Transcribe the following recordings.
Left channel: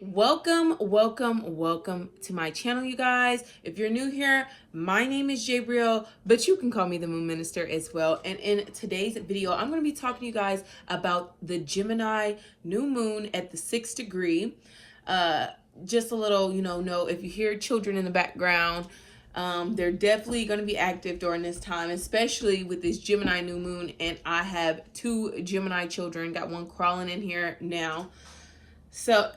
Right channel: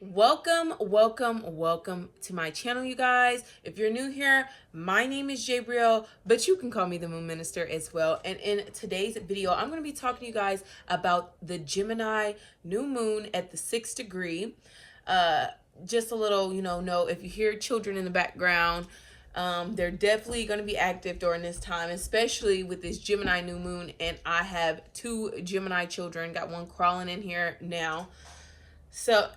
Welcome to my channel, you guys. If you're new here, my name is Jabriel, but you can call me the Moon Minister as well. And in today's video, I'm going to be talking to you guys about the Gemini new moon at the 6th degree. Just a little, note, if you hear children in the background, they're definitely going to be active during this time, especially with this Gemini new moon. And I have two Gemini children, got one crawling in here now. So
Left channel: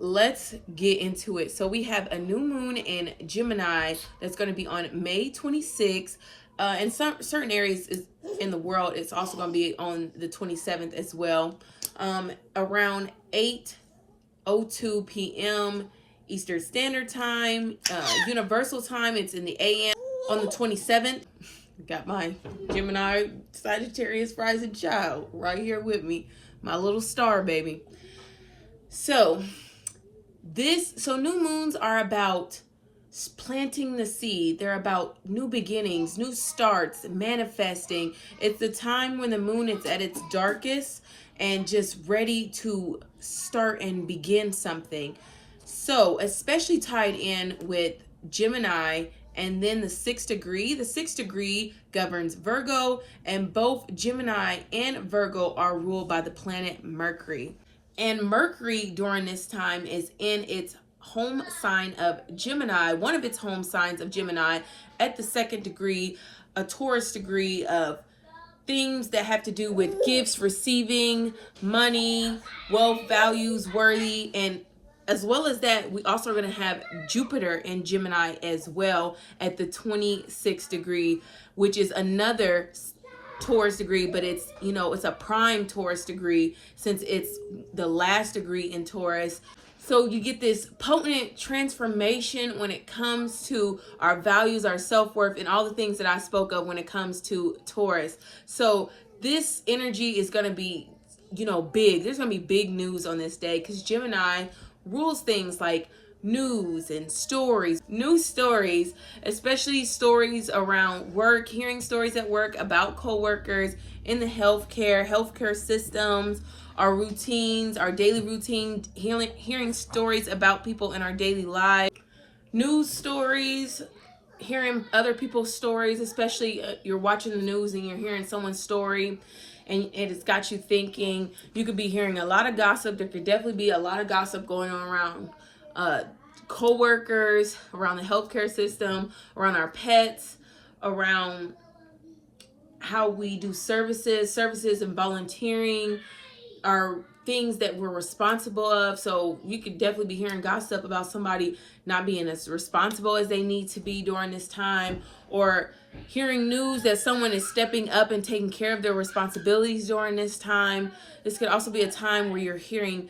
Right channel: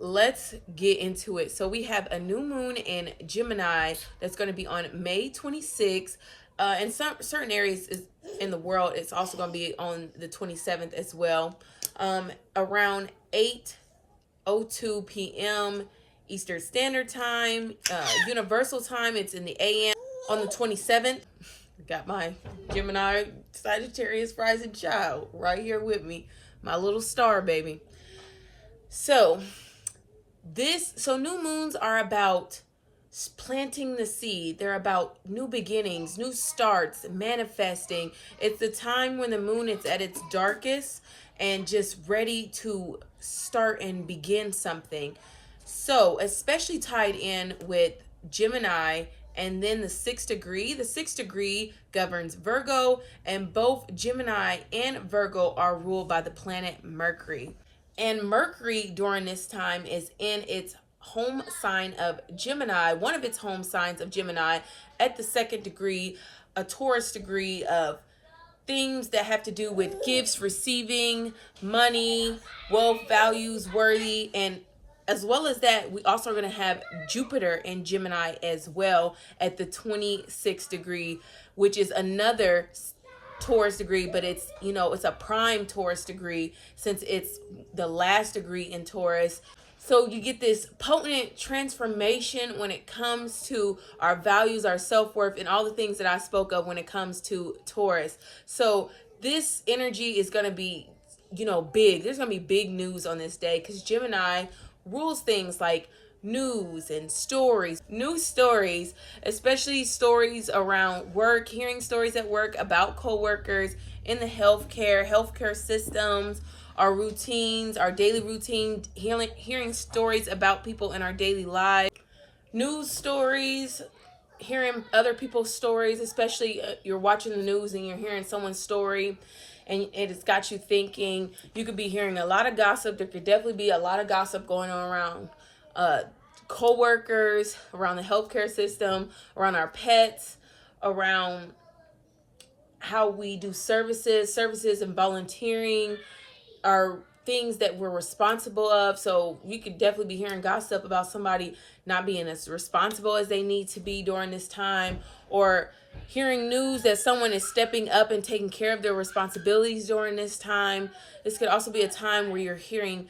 let's get into it. So we have a new moon in Gemini that's going to be on May 26th. In certain areas in the world, it's also going to be on the 27th as well. Around 8:02 p.m. Eastern Standard Time, Universal Time. It's in the AM on the 27th. Got my Gemini Sagittarius rising child right here with me, my little star baby. So new moons are about planting the seed. They're about new beginnings, new starts, manifesting. It's the time when the moon is at its darkest and just ready to start and begin something. So especially tied in with Gemini and then the 6th degree. The 6th degree governs Virgo, and both Gemini and Virgo are ruled by the planet Mercury. And Mercury during this time is in its home sign of Gemini, one of its home signs of Gemini at the 2nd degree, a Taurus degree of things that have to do with gifts, receiving, money, wealth, values, worthy. And as well as that, we also are going to have Jupiter in Gemini as well at the 26th degree, which is another Taurus degree, but it's a prime Taurus degree since it's the last degree in Taurus. So you get this potent transformation when it comes to our values, our self-worth, and all the things that I spoke of when it comes to Taurus. So this energy is going to be, big. There's going to be big news on this day because Gemini rules things like news and stories, especially stories around work, hearing stories at work about coworkers in the healthcare systems, our routines, our daily routine, hearing stories about people in our daily lives, news stories, hearing other people's stories, especially you're watching the news and you're hearing someone's story and it's got you thinking. You could be hearing a lot of gossip. There could definitely be a lot of gossip going on around co-workers, around the healthcare system, around our pets, around how we do services and volunteering are things that we're responsible of. So we could definitely be hearing gossip about somebody not being as responsible as they need to be during this time, or hearing news that someone is stepping up and taking care of their responsibilities during this time. This could also be a time where you're hearing,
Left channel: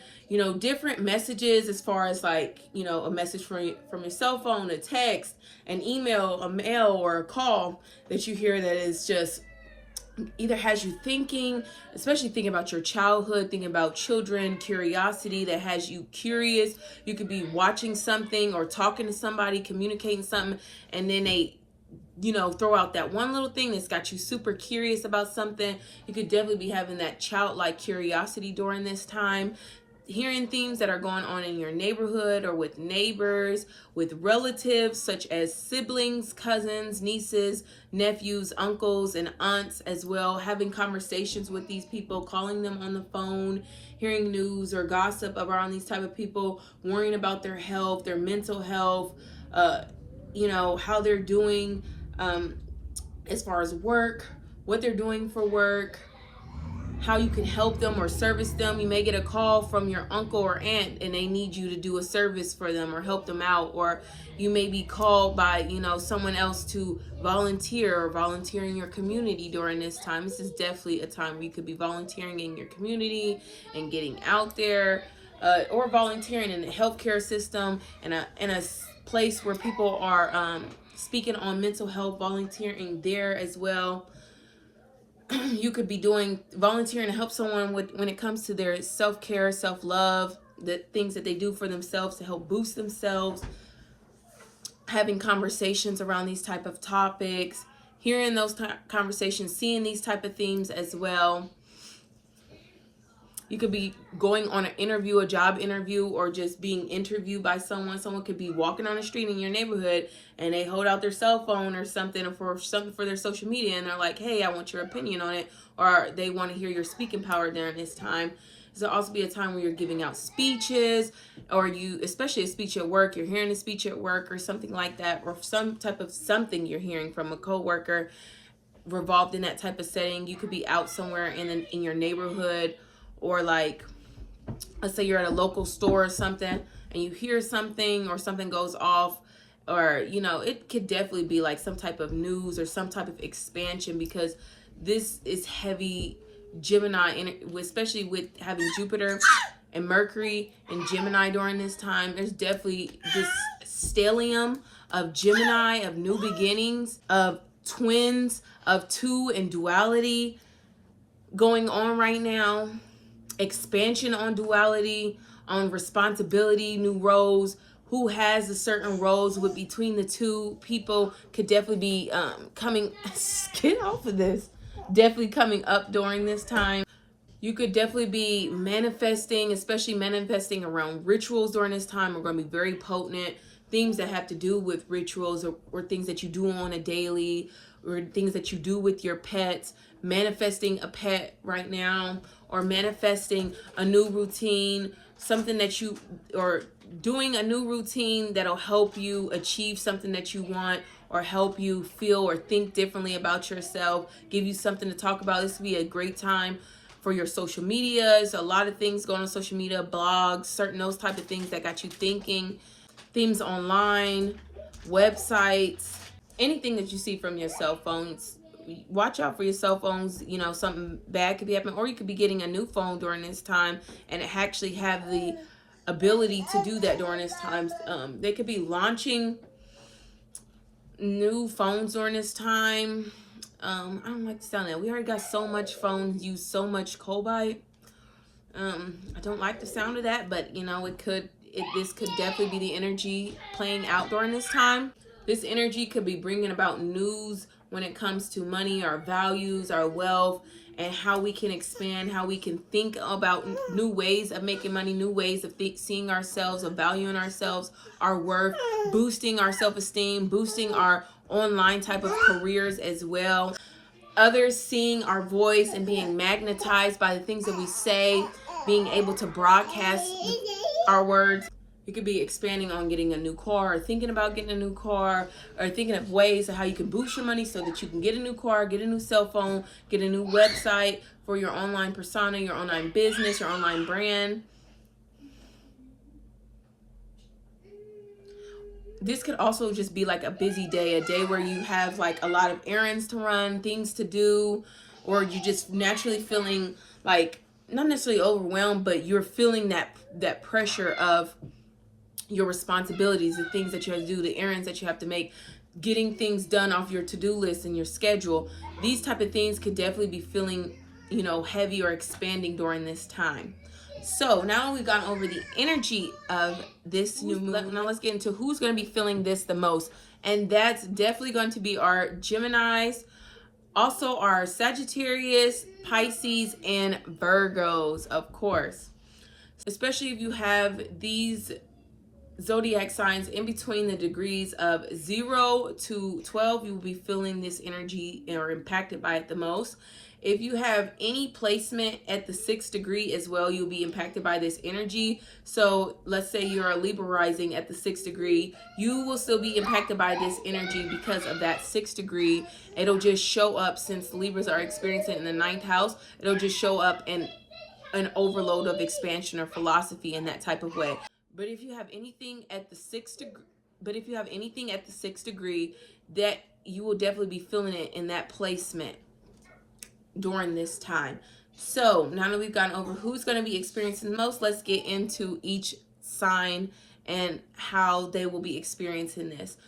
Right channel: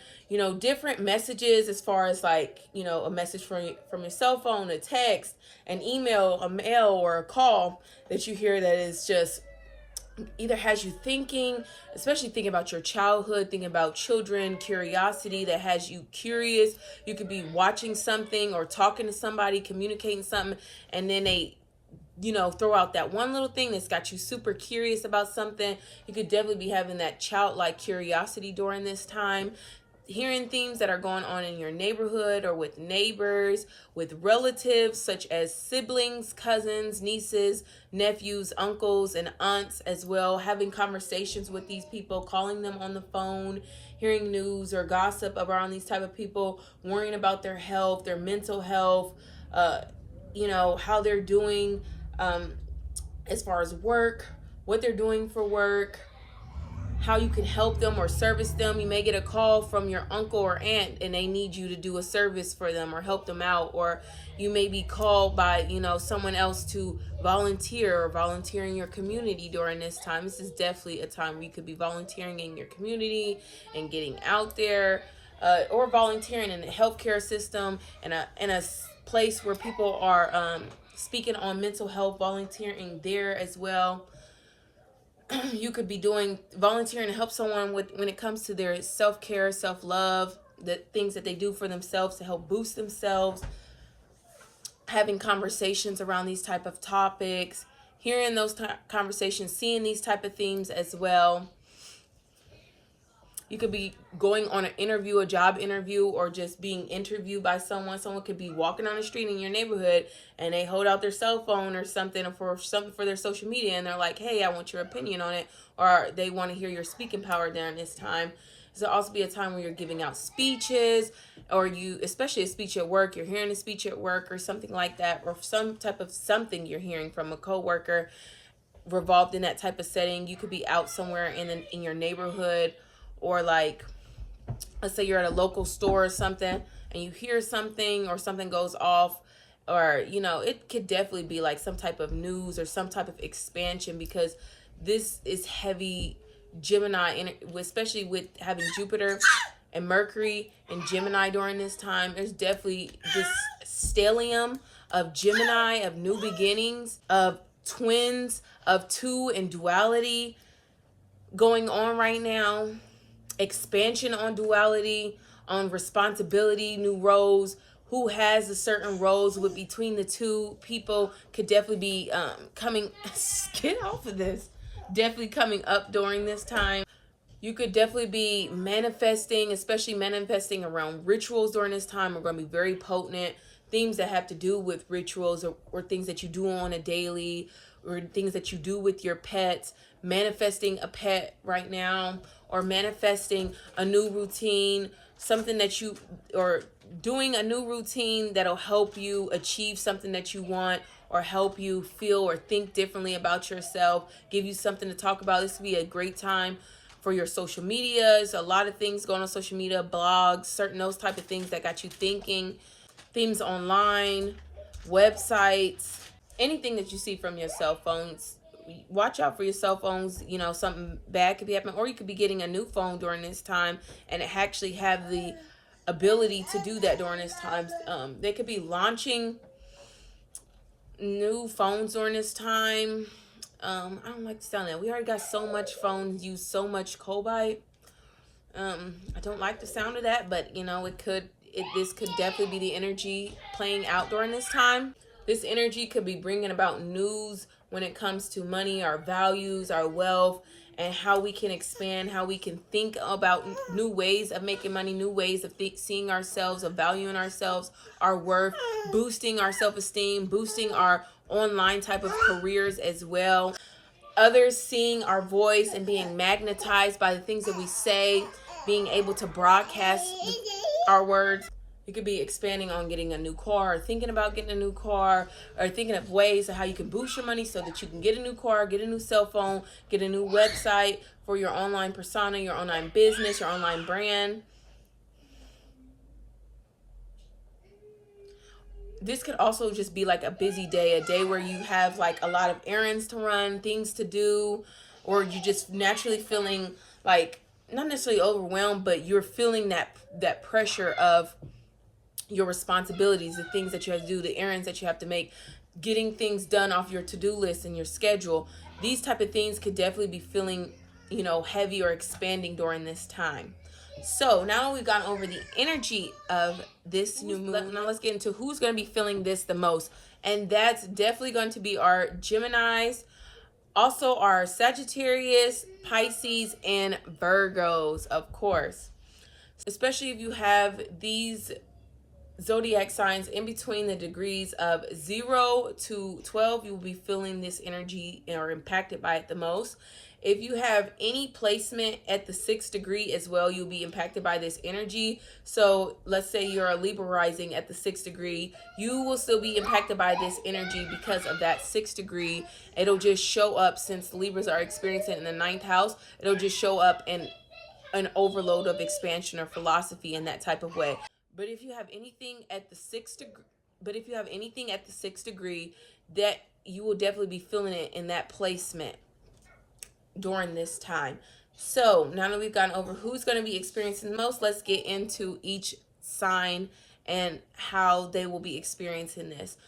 different messages as far as like, a message from your cell phone, a text, an email, a mail, or a call that you hear that is just either has you thinking, especially thinking about your childhood, thinking about children, curiosity that has you curious. You could be watching something or talking to somebody, communicating something, and then they throw out that one little thing that's got you super curious about something. You could definitely be having that childlike curiosity during this time. Hearing things that are going on in your neighborhood or with neighbors, with relatives such as siblings, cousins, nieces, nephews, uncles, and aunts as well. Having conversations with these people, calling them on the phone, hearing news or gossip around these type of people, worrying about their health, their mental health, how they're doing as far as work, what they're doing for work, how you can help them or service them. You may get a call from your uncle or aunt and they need you to do a service for them or help them out, or you may be called by someone else to volunteer in your community during this time. This is definitely a time where you could be volunteering in your community and getting out there, or volunteering in the healthcare system in a place where people are speaking on mental health, volunteering there as well. You could be volunteering to help someone when it comes to their self-care, self-love, the things that they do for themselves to help boost themselves, having conversations around these type of topics, hearing those conversations, seeing these type of themes as well. You could be going on an interview, a job interview, or just being interviewed by someone. Someone could be walking on the street in your neighborhood and they hold out their cell phone or something, or for something for their social media, and they're like, hey, I want your opinion on it, or they want to hear your speaking power during this time. This will also be a time where you're giving out speeches, or you, especially a speech at work, you're hearing a speech at work or something like that, or some type of something you're hearing from a coworker revolved in that type of setting. You could be out somewhere in your neighborhood, or like, let's say you're at a local store or something and you hear something or something goes off, or, you know, it could definitely be like some type of news or some type of expansion, because this is heavy Gemini, especially with having Jupiter and Mercury and Gemini during this time. There's definitely this stellium of Gemini, of new beginnings, of twins, of two and duality going on right now. Expansion on duality, on responsibility, new roles. Who has a certain roles with between the two people could definitely be coming, get off of this, definitely coming up during this time. You could definitely be manifesting, especially manifesting around rituals during this time are going to be very potent. Things that have to do with rituals, or things that you do on a daily, or things that you do with your pets. Manifesting a pet right now, or manifesting a new routine, something that you, or doing a new routine that'll help you achieve something that you want, or help you feel or think differently about yourself, give you something to talk about. This would be a great time for your social medias. A lot of things going on social media, blogs, certain those type of things that got you thinking, things online, websites, anything that you see from your cell phones. Watch out for your cell phones. You know, something bad could be happening, or you could be getting a new phone during this time and actually have the ability to do that during this time. They could be launching new phones during this time. I don't like the sound of that. We already got so much phones, use so much cobalt. I don't like the sound of that, but you know, this could definitely be the energy playing out during this time. This energy could be bringing about news when it comes to money, our values, our wealth, and how we can expand, how we can think about new ways of making money, new ways of seeing ourselves, of valuing ourselves, our worth, boosting our self-esteem, boosting our online type of careers as well. Others seeing our voice and being magnetized by the things that we say, being able to broadcast our words. You could be expanding on getting a new car, or thinking about getting a new car, or thinking of ways of how you can boost your money so that you can get a new car, get a new cell phone, get a new website for your online persona, your online business, your online brand. This could also just be like a busy day, a day where you have like a lot of errands to run, things to do, or you just naturally feeling like, not necessarily overwhelmed, but you're feeling that pressure of your responsibilities, the things that you have to do, the errands that you have to make, getting things done off your to-do list and your schedule. These type of things could definitely be feeling, you know, heavy or expanding during this time. So now we've gone over the energy of this new moon. Now let's get into who's going to be feeling this the most. And that's definitely going to be our Geminis, also our Sagittarius, Pisces, and Virgos, of course. Especially if you have these zodiac signs in between the degrees of 0 to 12, you will be feeling this energy or impacted by it the most. If you have any placement at the 6th degree as well, you'll be impacted by this energy. So let's say you're a Libra rising at the 6th degree, you will still be impacted by this energy because of that 6th degree. It'll just show up, since Libras are experiencing it in the 9th house, it'll just show up in an overload of expansion or philosophy in that type of way. But if you have anything at the 6th degree, that you will definitely be feeling it in that placement during this time. So now that we've gone over who's going to be experiencing the most, let's get into each sign and how they will be experiencing this.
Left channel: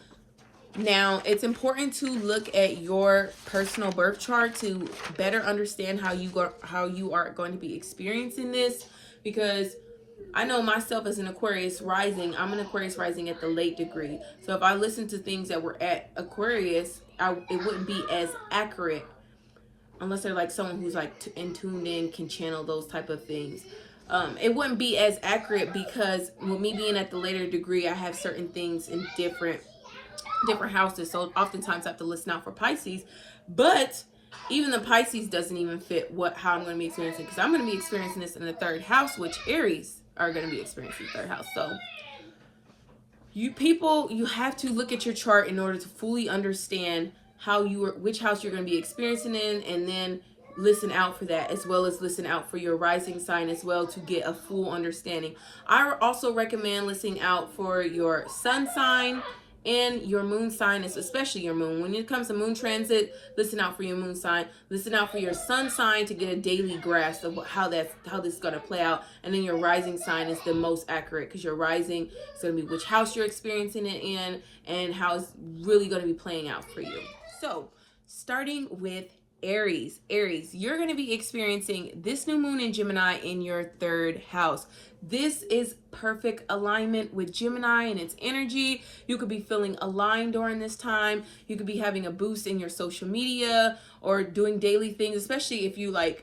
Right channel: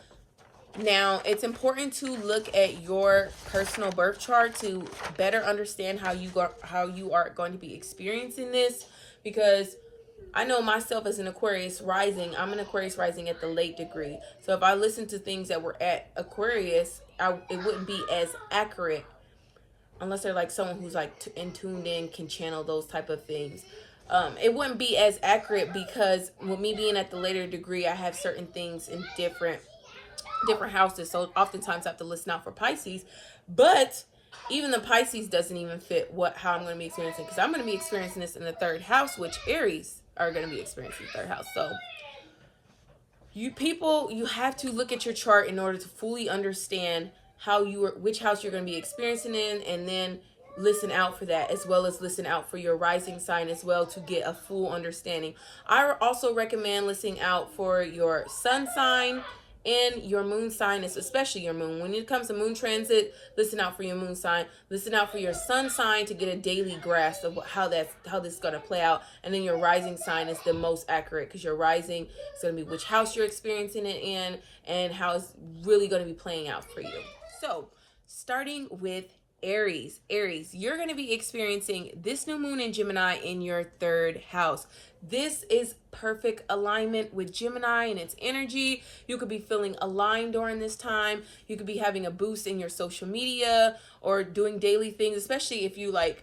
Now, it's important to look at your personal birth chart to better understand how you are going to be experiencing this, because I know myself as an Aquarius rising, I'm an Aquarius rising at the late degree. So if I listen to things that were at Aquarius, it wouldn't be as accurate unless they're like someone who's like tuned in, can channel those type of things. It wouldn't be as accurate because with me being at the later degree, I have certain things in different houses. So oftentimes I have to listen out for Pisces, but even the Pisces doesn't even fit how I'm going to be experiencing, because I'm going to be experiencing this in the 3rd house, which Aries are going to be experiencing the 3rd house. So you have to look at your chart in order to fully understand which house you're going to be experiencing in, and then listen out for that, as well as listen out for your rising sign as well, to get a full understanding. I also recommend listening out for your sun sign and your moon sign, especially your moon. When it comes to moon transit, listen out for your moon sign. Listen out for your sun sign to get a daily grasp of how this is going to play out. And then your rising sign is the most accurate, because your rising is going to be which house you're experiencing it in and how it's really going to be playing out for you. So starting with Aries, you're going to be experiencing this new moon in Gemini in your 3rd house. This is perfect alignment with Gemini and its energy. You could be feeling aligned during this time. You could be having a boost in your social media or doing daily things, especially if you like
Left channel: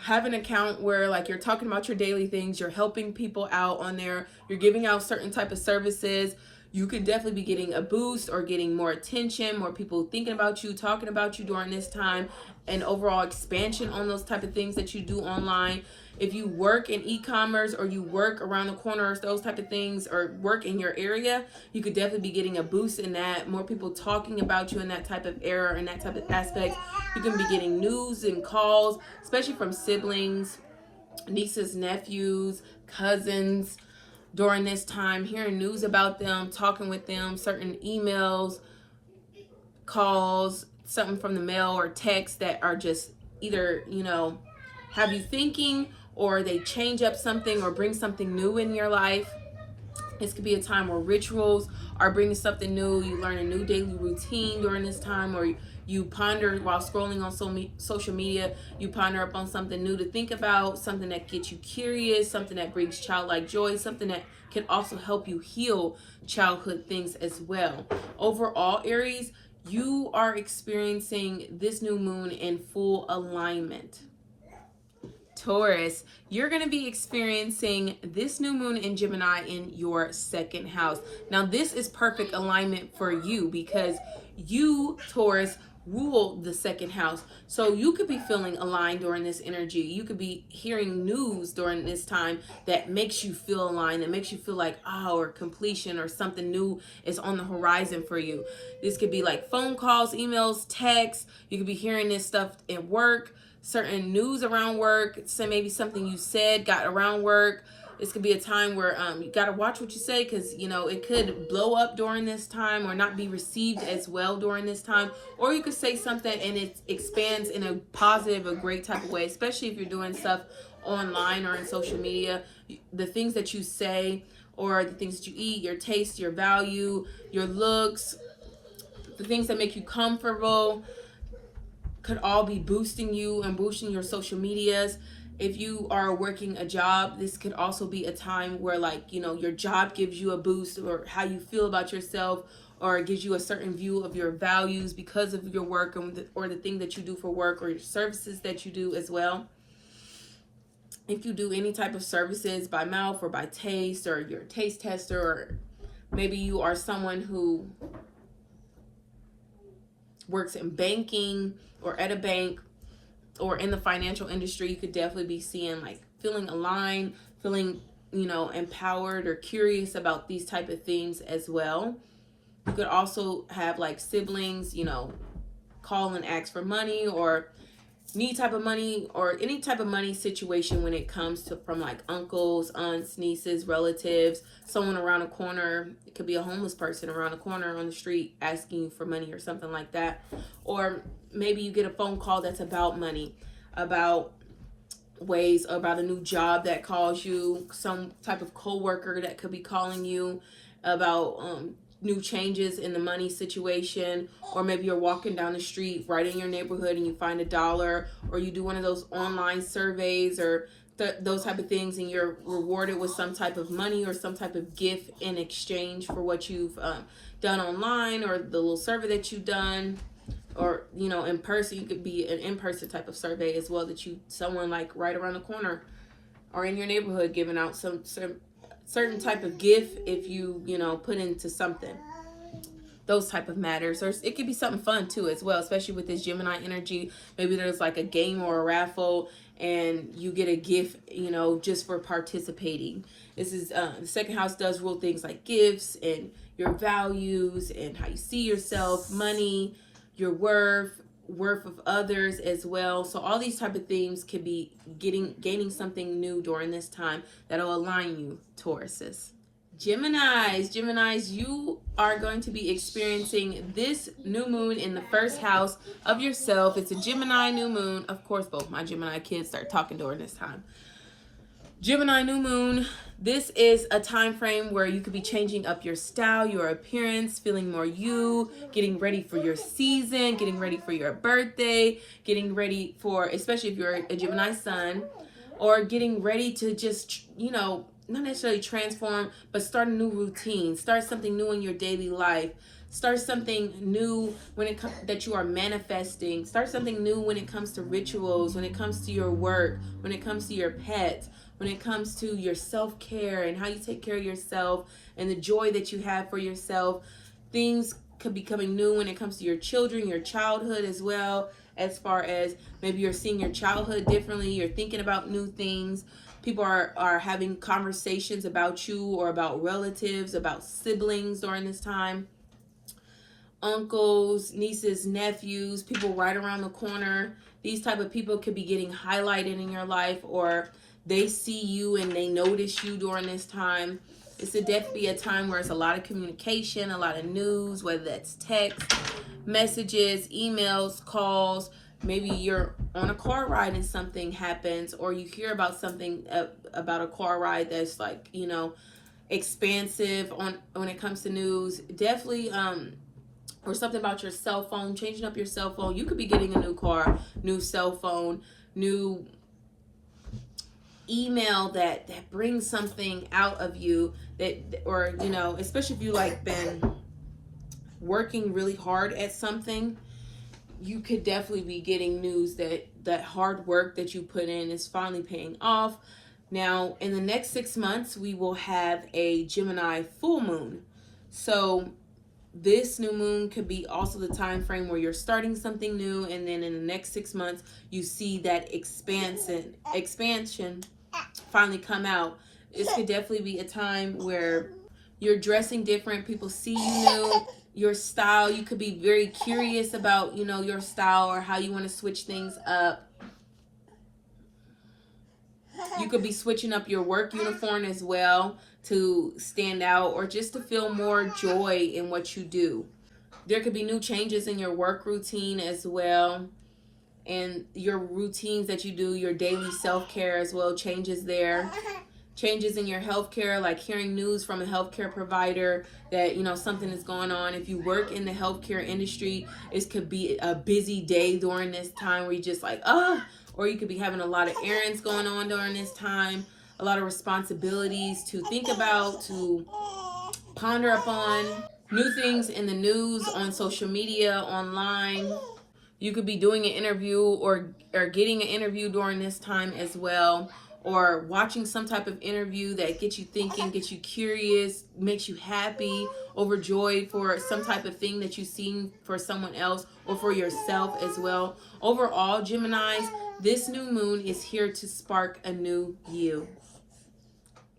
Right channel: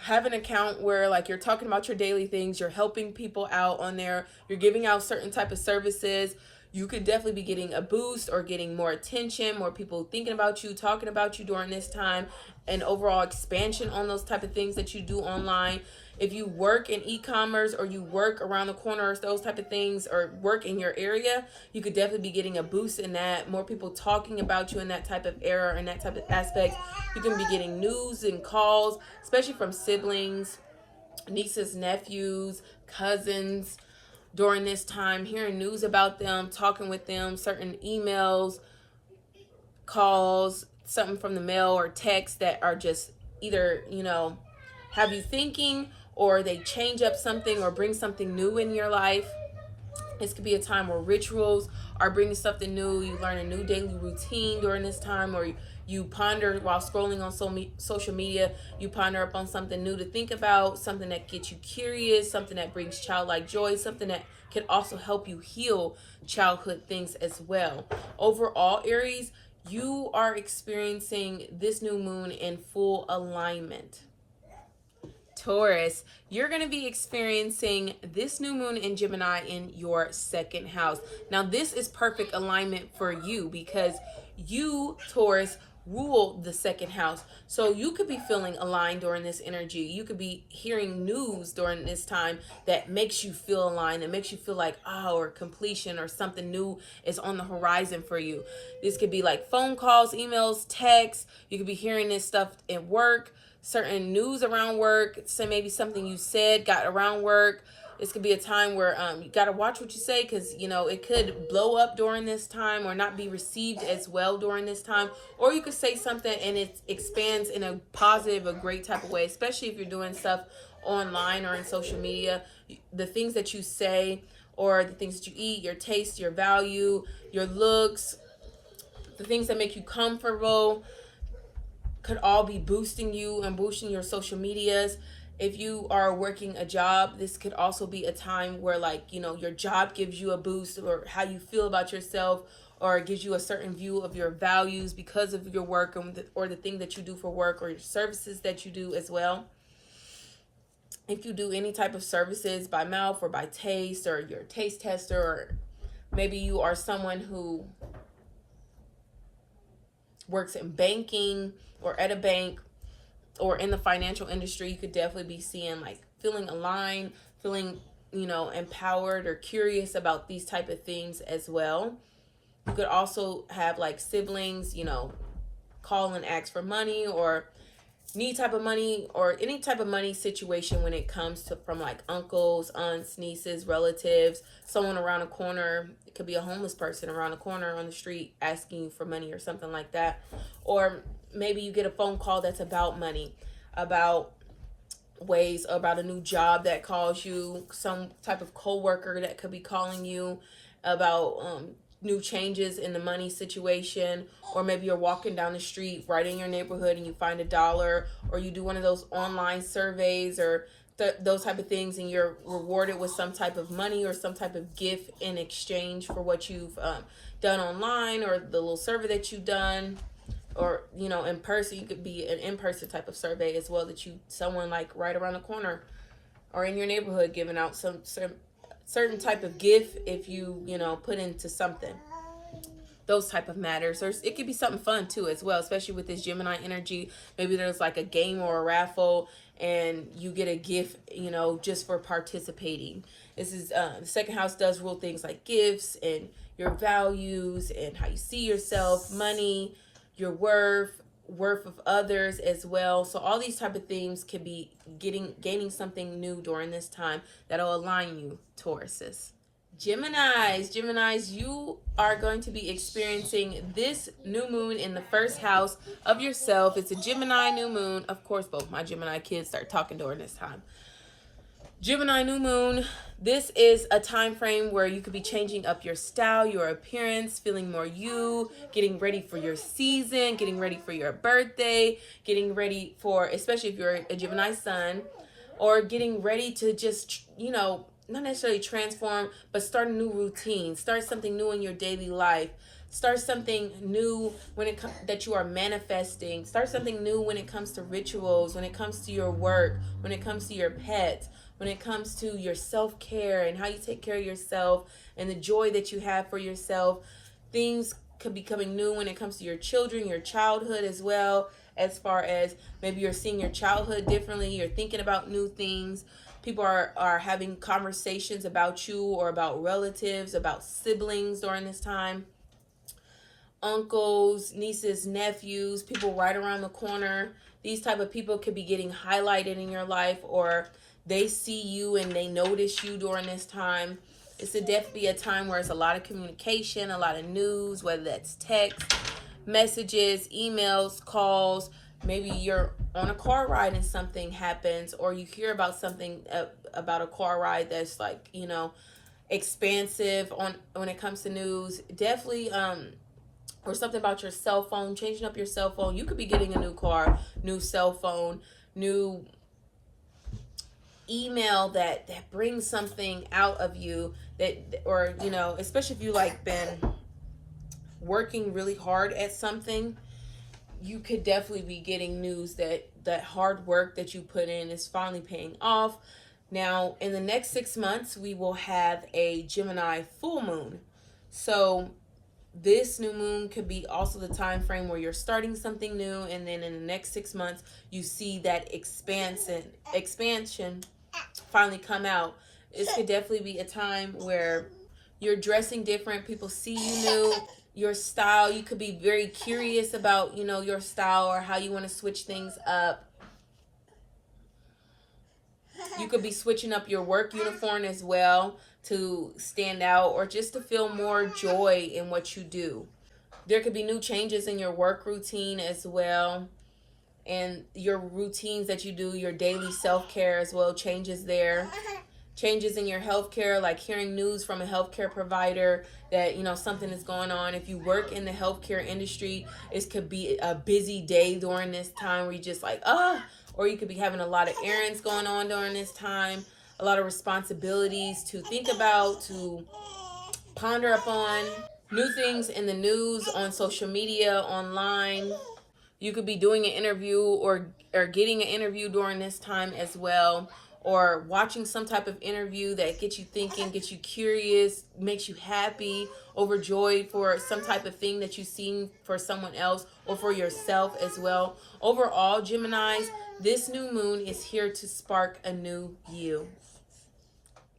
have an account where like you're talking about your daily things, you're helping people out on there, you're giving out certain type of services. You could definitely be getting a boost or getting more attention, more people thinking about you, talking about you during this time, and overall expansion on those type of things that you do online. If you work in e-commerce or you work around the corner, those type of things, or work in your area, you could definitely be getting a boost in that. More people talking about you in that type of era and that type of aspect. You can be getting news and calls, especially from siblings, nieces, nephews, cousins, during this time, hearing news about them, talking with them, certain emails, calls, something from the mail or text that are just either, have you thinking, or they change up something or bring something new in your life. This could be a time where rituals are bringing something new. You learn a new daily routine during this time, or you ponder while scrolling on social media, you ponder up on something new to think about, something that gets you curious, something that brings childlike joy, something that can also help you heal childhood things as well. Overall, Aries, you are experiencing this new moon in full alignment. Taurus, you're going to be experiencing this new moon in Gemini in your 2nd house. Now, this is perfect alignment for you because you, Taurus, rule the 2nd house. So you could be feeling aligned during this energy. You could be hearing news during this time that makes you feel aligned, that makes you feel like, or completion or something new is on the horizon for you. This could be like phone calls, emails, texts. You could be hearing this stuff at work, certain news around work. So maybe something you said got around work. This could be a time where you got to watch what you say, because, it could blow up during this time or not be received as well during this time. Or you could say something and it expands in a positive, a great type of way, especially if you're doing stuff online or in social media. The things that you say or the things that you eat, your taste, your value, your looks, the things that make you comfortable could all be boosting you and boosting your social medias. If you are working a job, this could also be a time where your job gives you a boost, or how you feel about yourself, or it gives you a certain view of your values because of your work or the thing that you do for work, or your services that you do as well. If you do any type of services by mouth or by taste, or you're a taste tester, or maybe you are someone who works in banking or at a bank, or in the financial industry, you could definitely be seeing feeling aligned, feeling, empowered or curious about these type of things as well. You could also have siblings, call and ask for money, or need type of money, or any type of money situation when it comes to from uncles, aunts, nieces, relatives, someone around the corner. It could be a homeless person around the corner on the street asking for money or something like that. Or maybe you get a phone call that's about money, about a new job that calls you, some type of coworker that could be calling you about new changes in the money situation. Or maybe you're walking down the street right in your neighborhood and you find $1, or you do one of those online surveys or those type of things, and you're rewarded with some type of money or some type of gift in exchange for what you've done online, or the little survey that you've done, or, you know, in person. You could be an in-person type of survey as well, that someone like right around the corner or in your neighborhood giving out some certain type of gift if you know, put into something. Those type of matters. Or it could be something fun too as well, especially with this Gemini energy. Maybe there's like a game or a raffle and you get a gift, you know, just for participating. This is the second house does rule things like gifts and your values and how you see yourself, money, your worth of others as well. So all these type of things could be gaining something new during this time that'll align you, Tauruses. Geminis, you are going to be experiencing this new moon in the first house of yourself. It's a Gemini new moon. Of course, both my Gemini kids start talking during this time. Gemini new moon. This is a time frame where you could be changing up your style, your appearance, feeling more you, getting ready for your season, getting ready for your birthday, getting ready for, especially if you're a Gemini sun, or getting ready to just, you know, not necessarily transform, but start a new routine, start something new in your daily life, start something new when it comes that you are manifesting, start something new when it comes to rituals, when it comes to your work, when it comes to your pets, when it comes to your self-care and how you take care of yourself and the joy that you have for yourself. Things could be coming new when it comes to your children, your childhood as well, as far as maybe you're seeing your childhood differently, you're thinking about new things. People are having conversations about you or about relatives, about siblings during this time. Uncles, nieces, nephews, people right around the corner. These type of people could be getting highlighted in your life, or they see you and they notice you during this time. It's definitely a time where it's a lot of communication, a lot of news, whether that's text, messages, emails, calls. Maybe you're on a car ride and something happens, or you hear about something about a car ride that's like, you know, expansive when it comes to news. Definitely, or something about your cell phone, changing up your cell phone. You could be getting a new car, new cell phone, new email that brings something out of you that, or, you know, especially if you like been working really hard at something, you could definitely be getting news that that hard work that you put in is finally paying off. Now, in the next 6 months, we will have a Gemini full moon. So this new moon could be also the time frame where you're starting something new, and then in the next 6 months, you see that expansion finally come out. This could definitely be a time where you're dressing different. People see you new. Your style, you could be very curious about, you know, your style or how you want to switch things up. You could be switching up your work uniform as well to stand out, or just to feel more joy in what you do. There could be new changes in your work routine as well, and your routines that you do, your daily self-care as well, changes there. Changes in your healthcare, like hearing news from a healthcare provider that, you know, something is going on. If you work in the healthcare industry, it could be a busy day during this time where you just like, or you could be having a lot of errands going on during this time, a lot of responsibilities to think about, to ponder upon, new things in the news, on social media, online. You could be doing an interview or getting an interview during this time as well, or watching some type of interview that gets you thinking, gets you curious, makes you happy, overjoyed for some type of thing that you've seen for someone else or for yourself as well. Overall, Geminis, this new moon is here to spark a new you.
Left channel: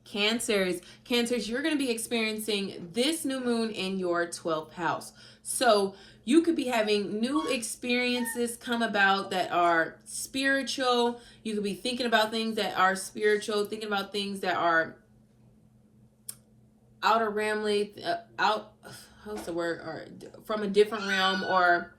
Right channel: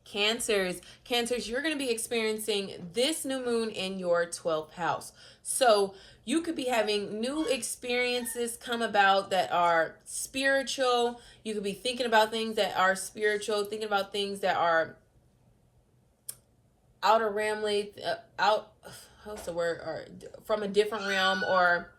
Cancers, you're going to be experiencing this new moon in your 12th house. So you could be having new experiences come about that are spiritual. You could be thinking about things that are spiritual, thinking about things that are outer realmly, or from a different realm, or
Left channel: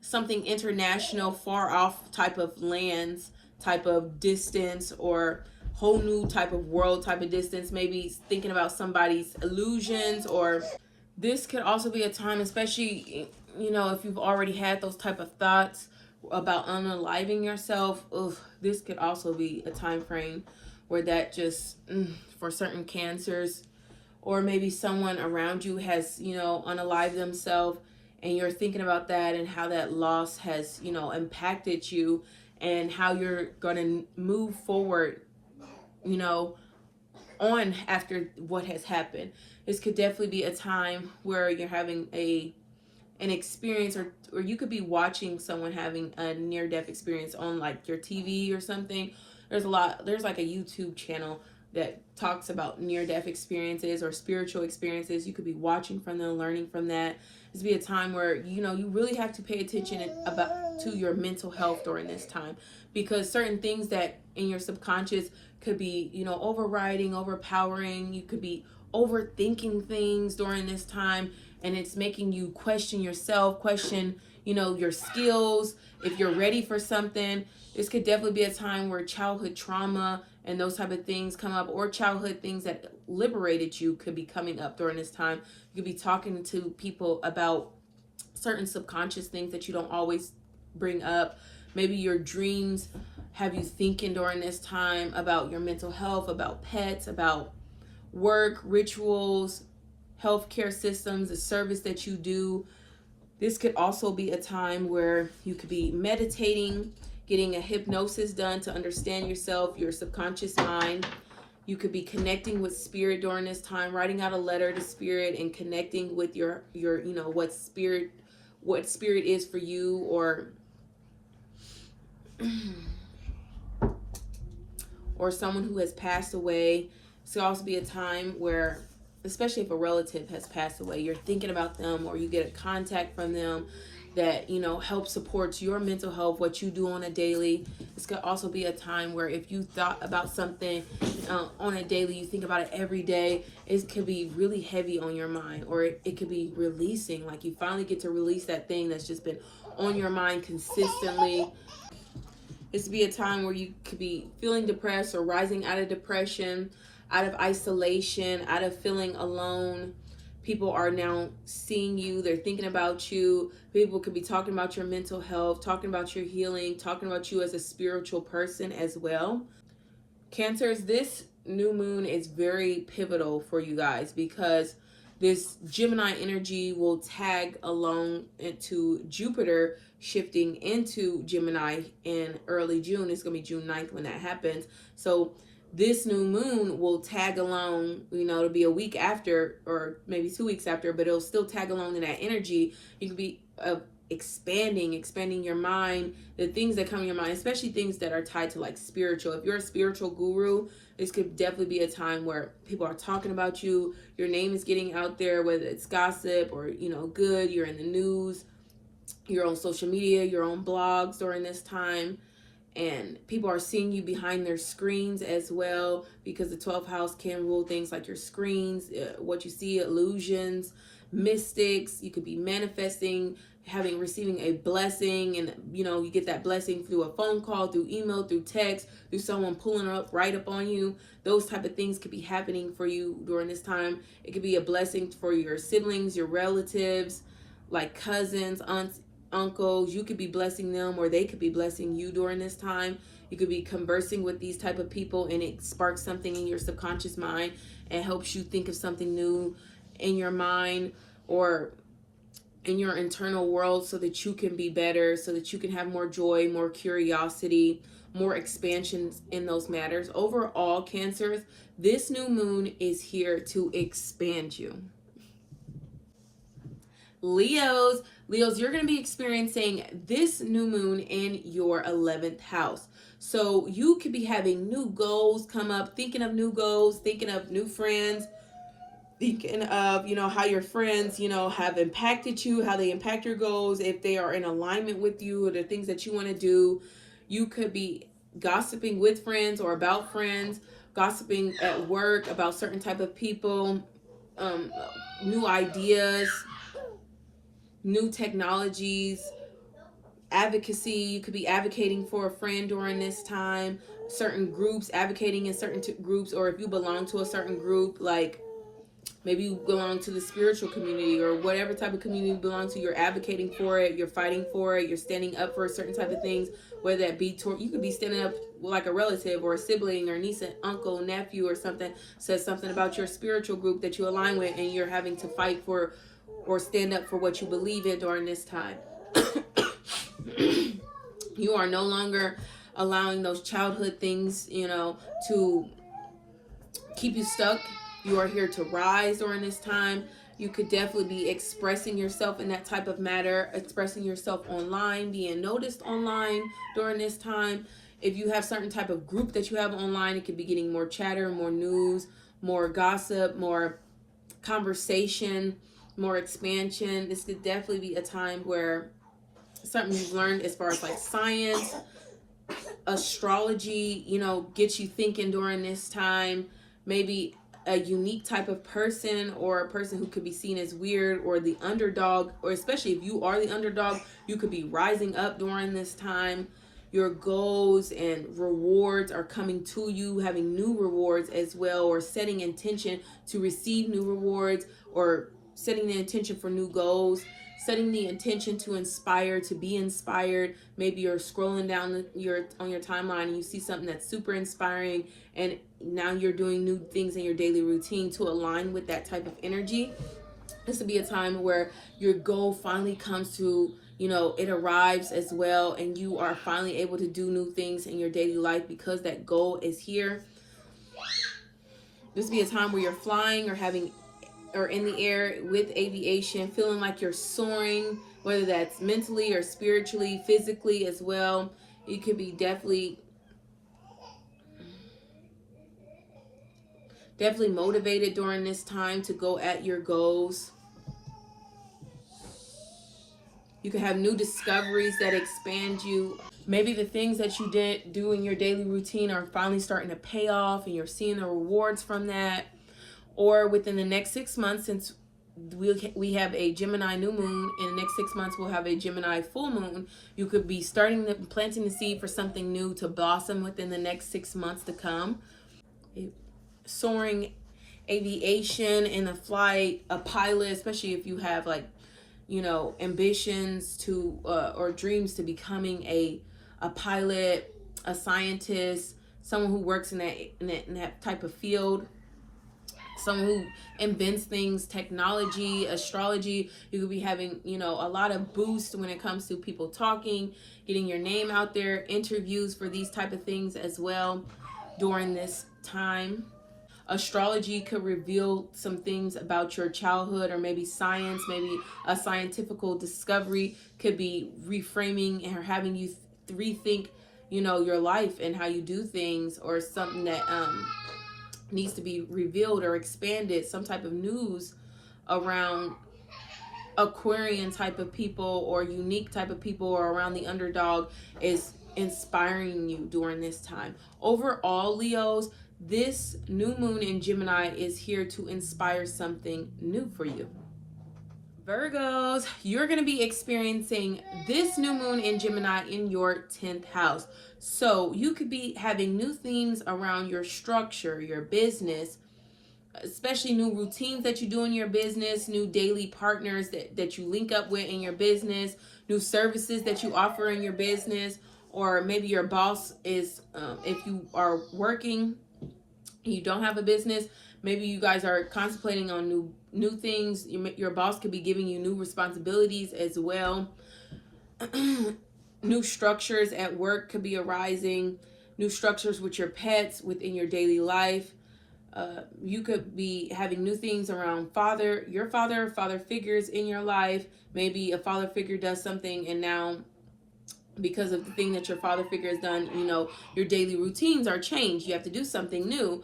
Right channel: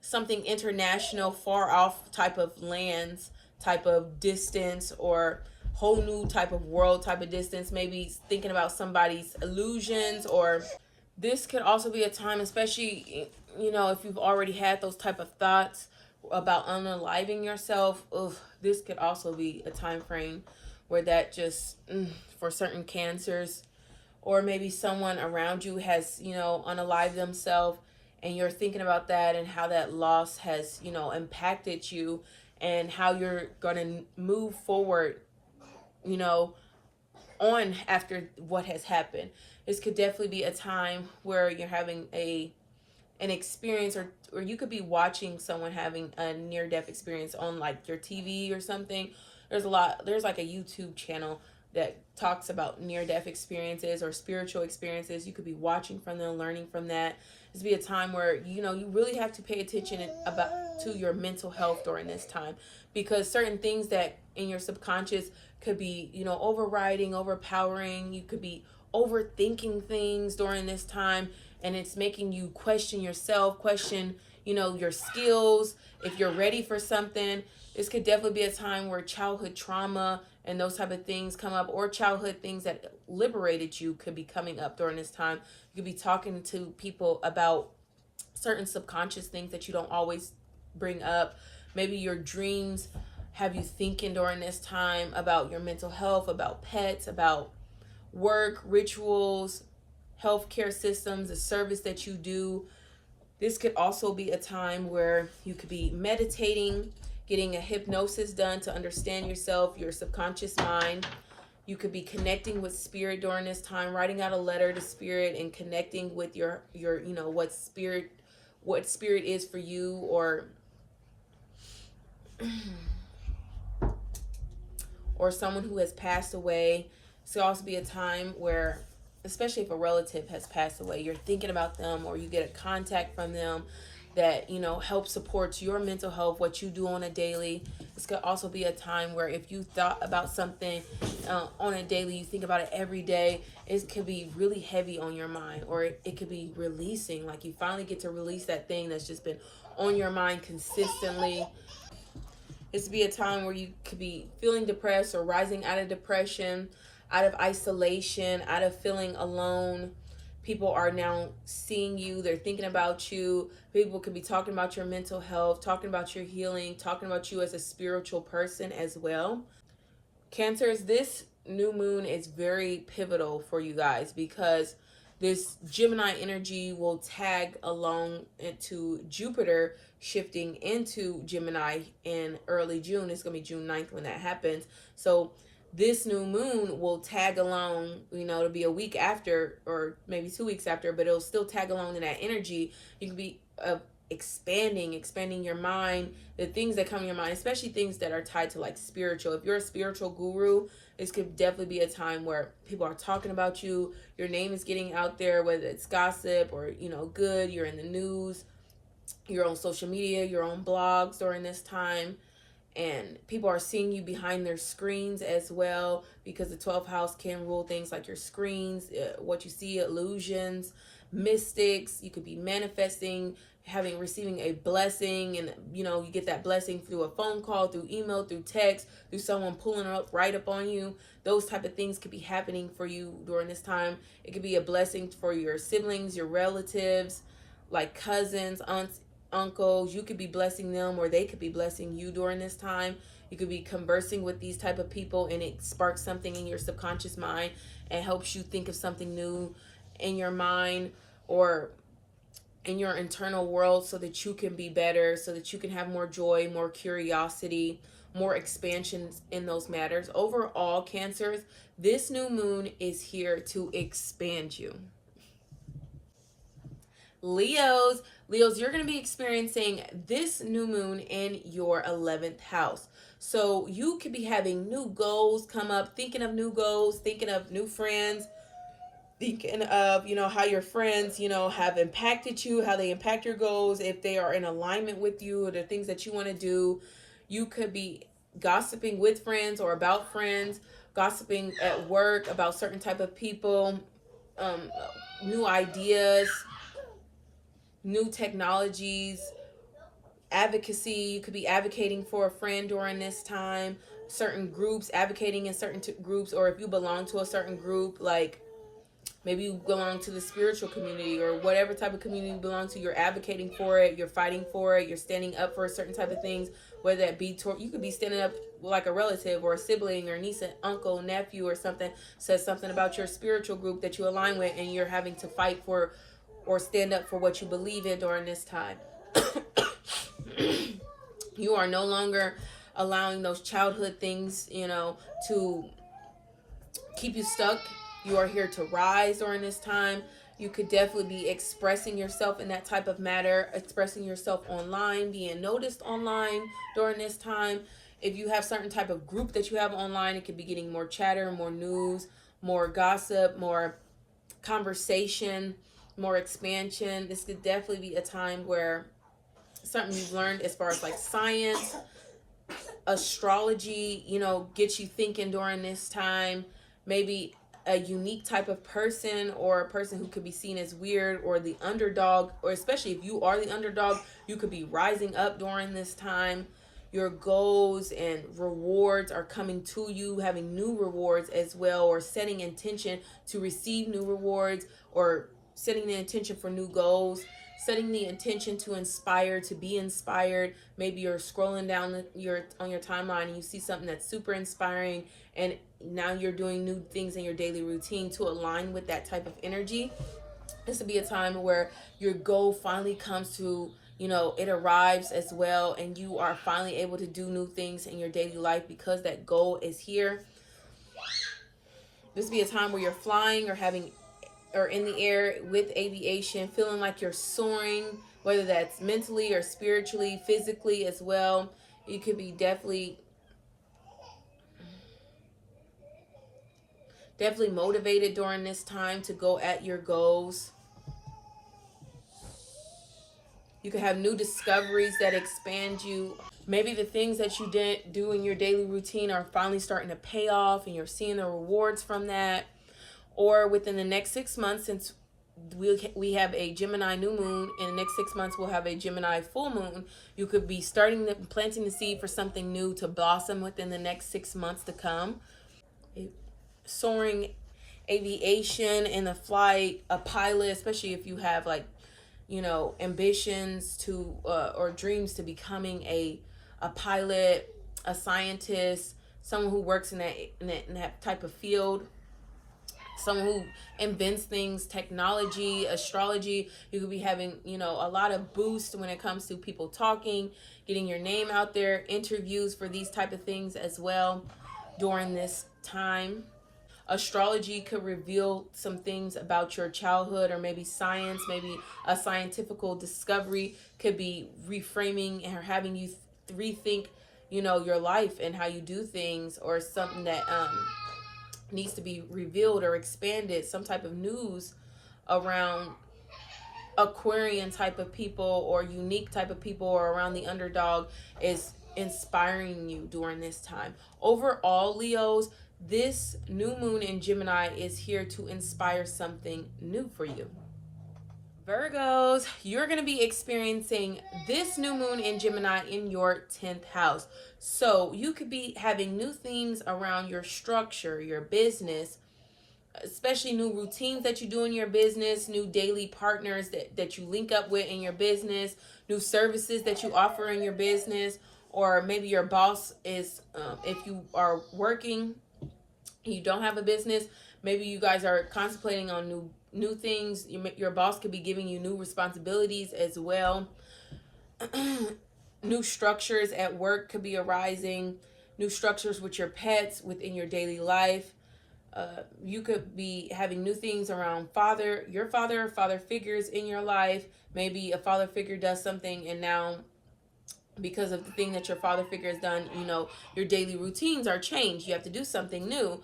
something international, far off type of lands, type of distance, or whole new type of world type of distance. Maybe thinking about somebody's illusions, or this could also be a time, especially, you know, if you've already had those type of thoughts about unaliving yourself. This could also be a time frame where that just, for certain cancers, or maybe someone around you has, you know, unalived themselves, and you're thinking about that and how that loss has, you know, impacted you and how you're going to move forward, you know, on after what has happened. This could definitely be a time where you're having an experience, or you could be watching someone having a near-death experience on like your TV or something. There's like a YouTube channel that talks about near-death experiences or spiritual experiences. You could be watching from them, learning from that. This be a time where, you know, you really have to pay attention to your mental health during this time, because certain things that in your subconscious could be, you know, overriding, overpowering. You could be overthinking things during this time, and it's making you question yourself, question, you know, your skills, if you're ready for something. This could definitely be a time where childhood trauma and those type of things come up, or childhood things that liberated you could be coming up during this time. You could be talking to people about certain subconscious things that you don't always bring up. Maybe your dreams have you thinking during this time about your mental health, about pets, about work, rituals, healthcare systems, the service that you do. This could also be a time where you could be meditating, getting a hypnosis done to understand yourself, your subconscious mind. You could be connecting with spirit during this time, writing out a letter to spirit and connecting with your you know, what spirit is for you, or someone who has passed away. This could also be a time where, especially if a relative has passed away, you're thinking about them, or you get a contact from them that, you know, helps supports your mental health, what you do on a daily. This could also be a time where if you thought about something on a daily, you think about it every day, it could be really heavy on your mind, or it could be releasing, like you finally get to release that thing that's just been on your mind consistently. This would be a time where you could be feeling depressed or rising out of depression, out of isolation, out of feeling alone. People are now seeing you. They're thinking about you. People could be talking about your mental health, talking about your healing, talking about you as a spiritual person as well. Cancers, this new moon is very pivotal for you guys, because this Gemini energy will tag along into Jupiter shifting into Gemini in early June. It's going to be June 9th when that happens. So this new moon will tag along, you know, it'll be a week after, or maybe 2 weeks after, but it'll still tag along in that energy. You can be expanding your mind, the things that come in your mind, especially things that are tied to like spiritual. If you're a spiritual guru, this could definitely be a time where people are talking about you. Your name is getting out there, whether it's gossip or, you know, good. You're in the news, you're on social media, you're on blogs during this time. And people are seeing you behind their screens as well, because the 12th house can rule things like your screens, what you see, illusions, mystics. You could be manifesting, receiving a blessing, and, you know, you get that blessing through a phone call, through email, through text, through someone pulling right up on you. Those type of things could be happening for you during this time. It could be a blessing for your siblings, your relatives, like cousins, aunts, uncles. You could be blessing them, or they could be blessing you during this time. You could be conversing with these type of people, and it sparks something in your subconscious mind and helps you think of something new in your mind or in your internal world, so that you can be better, so that you can have more joy, more curiosity, more expansion in those matters. Overall, Cancers, this new moon is here to expand you. Leos, you're going to be experiencing this new moon in your 11th house. So you could be having new goals come up, thinking of new goals, thinking of new friends, thinking of, you know, how your friends, you know, have impacted you, how they impact your goals, if they are in alignment with you, or the things that you want to do. You could be gossiping with friends or about friends, gossiping at work about certain type of people, new ideas, new technologies, advocacy. You could be advocating for a friend during this time, certain groups, advocating in certain groups, or if you belong to a certain group, like maybe you belong to the spiritual community or whatever type of community you belong to, you're advocating for it, you're fighting for it, you're standing up for certain type of things, whether that be, you could be standing up like a relative or a sibling or niece, uncle, nephew or something, says something about your spiritual group that you align with, and you're having to fight for or stand up for what you believe in during this time. You are no longer allowing those childhood things, you know, to keep you stuck. You are here to rise during this time. You could definitely be expressing yourself in that type of matter, expressing yourself online, being noticed online during this time. If you have certain type of group that you have online, it could be getting more chatter, more news, more gossip, more conversation, more expansion. This could definitely be a time where something you've learned as far as like science, astrology, you know, gets you thinking during this time. Maybe a unique type of person, or a person who could be seen as weird, or the underdog, or especially if you are the underdog, you could be rising up during this time. Your goals and rewards are coming to you, having new rewards as well, or setting intention to receive new rewards, or setting the intention for new goals, setting the intention to inspire, to be inspired. Maybe you're scrolling down on your timeline and you see something that's super inspiring, and now you're doing new things in your daily routine to align with that type of energy. This would be a time where your goal finally comes to, you know, it arrives as well, and you are finally able to do new things in your daily life because that goal is here. This would be a time where you're flying or in the air with aviation, feeling like you're soaring, whether that's mentally or spiritually, physically as well. You could be definitely motivated during this time to go at your goals. You can have new discoveries that expand you. Maybe the things that you didn't do in your daily routine are finally starting to pay off, and you're seeing the rewards from that. Or within the next 6 months, since we have a Gemini new moon, in the next 6 months we'll have a Gemini full moon, you could be planting the seed for something new to blossom within the next 6 months to come. Soaring, aviation, in a flight, a pilot, especially if you have like, you know, ambitions to or dreams to becoming a pilot, a scientist, someone who works in that type of field, someone who invents things, technology, astrology. You could be having, you know, a lot of boost when it comes to people talking, getting your name out there, interviews for these type of things as well during this time. Astrology could reveal some things about your childhood, or maybe science, maybe a scientific discovery could be reframing and having you rethink, you know, your life and how you do things, or something that needs to be revealed or expanded. Some type of news around Aquarian type of people, or unique type of people, or around the underdog is inspiring you during this time. Overall, Leos, this new moon in Gemini is here to inspire something new for you. Virgos, you're going to be experiencing this new moon in Gemini in your 10th house. So you could be having new themes around your structure, your business, especially new routines that you do in your business, new daily partners that you link up with in your business, new services that you offer in your business, or maybe your boss is, if you are working, you don't have a business, maybe you guys are contemplating on new things. Your boss could be giving you new responsibilities as well. New structures at work could be arising, new structures with your pets within your daily life. You could be having new things around your father figures in your life. Maybe a father figure does something, and now because of the thing that your father figure has done, you know, your daily routines are changed. You have to do something new.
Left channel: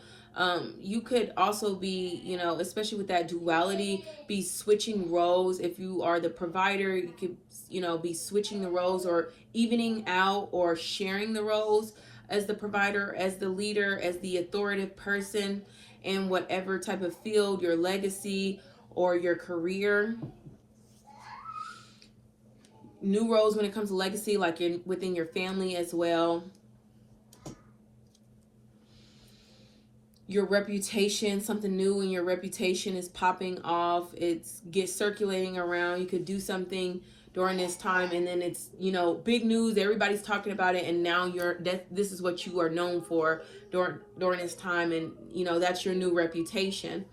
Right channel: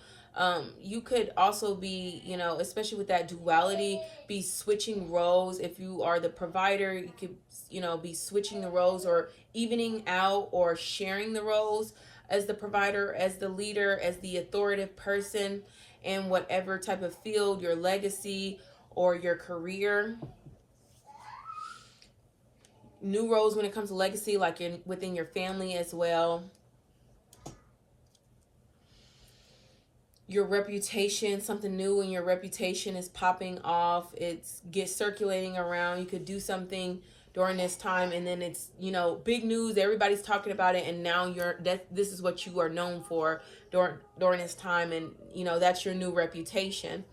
You could also be, you know, especially with that duality, be switching roles. If you are the provider, you could, you know, be switching the roles, or evening out, or sharing the roles as the provider, as the leader, as the authoritative person in whatever type of field, your legacy or your career. New roles when it comes to legacy, like within your family as well. Your reputation, something new in your reputation is popping off. It's circulating around. You could do something during this time, and then it's, you know, big news. Everybody's talking about it, and now this is what you are known for during this time, and you know that's your new reputation.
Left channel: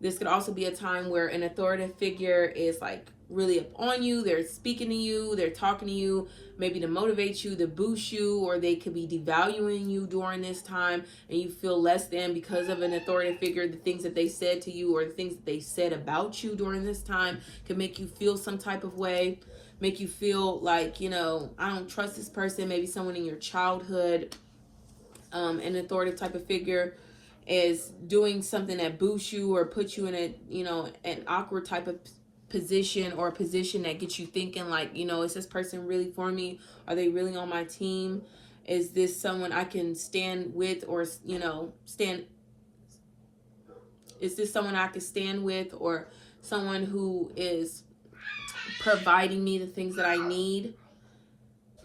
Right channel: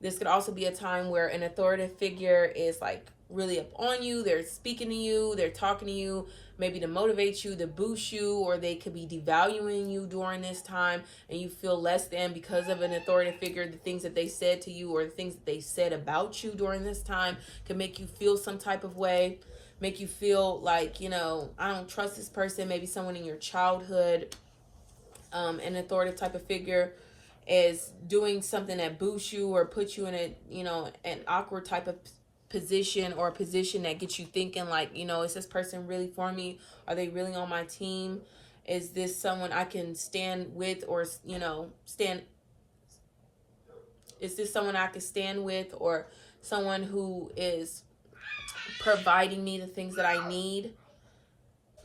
This could also be a time where an authoritative figure is like really up on you. They're speaking to you, they're talking to you, maybe to motivate you, to boost you, or they could be devaluing you during this time and you feel less than because of an authoritative figure. The things that they said to you or the things that they said about you during this time can make you feel some type of way, make you feel like, you know, I don't trust this person. Maybe someone in your childhood, an authoritative type of figure is doing something that boosts you or puts you in a, you know, an awkward type of position, or a position that gets you thinking like, you know, is this person really for me? Are they really on my team? Is this someone I can stand with, or, you know, is this someone I can stand with, or someone who is providing me the things that I need?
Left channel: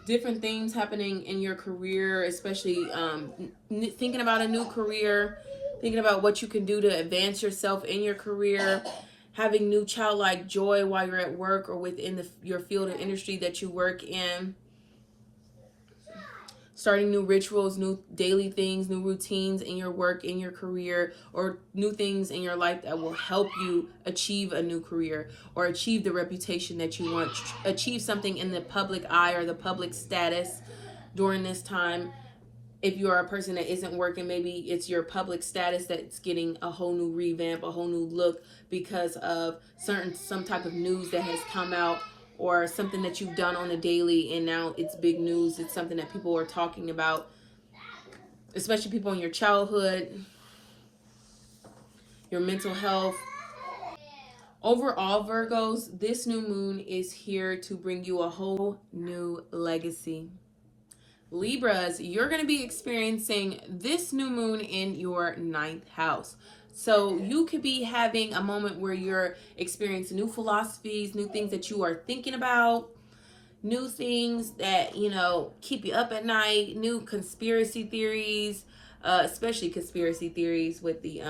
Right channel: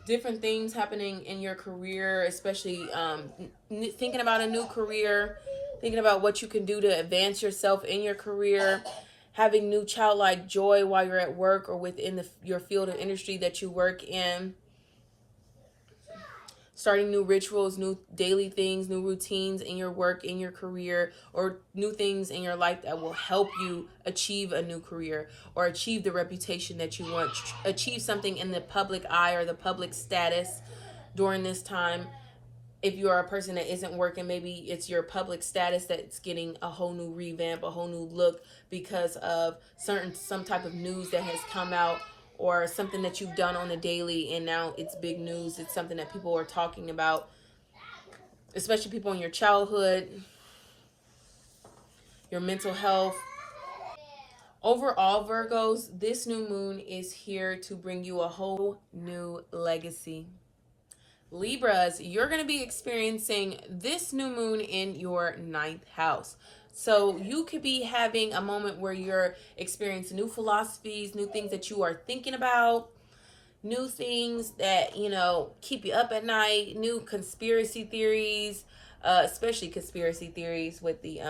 Different things happening in your career, especially thinking about a new career, thinking about what you can do to advance yourself in your career, having new childlike joy while you're at work or within your field of industry that you work in, starting new rituals, new daily things, new routines in your work, in your career, or new things in your life that will help you achieve a new career or achieve the reputation that you want, achieve something in the public eye or the public status during this time. If you are a person that isn't working, maybe it's your public status that's getting a whole new revamp, a whole new look because of some type of news that has come out, or something that you've done on a daily and now it's big news. It's something that people are talking about, especially people in your childhood, your mental health. Overall, Virgos, this new moon is here to bring you a whole new legacy. Libras, you're going to be experiencing this new moon in your 9th house. So you could be having a moment where you're experiencing new philosophies, new things that you are thinking about, new things that, you know, keep you up at night, new conspiracy theories, especially conspiracy theories with the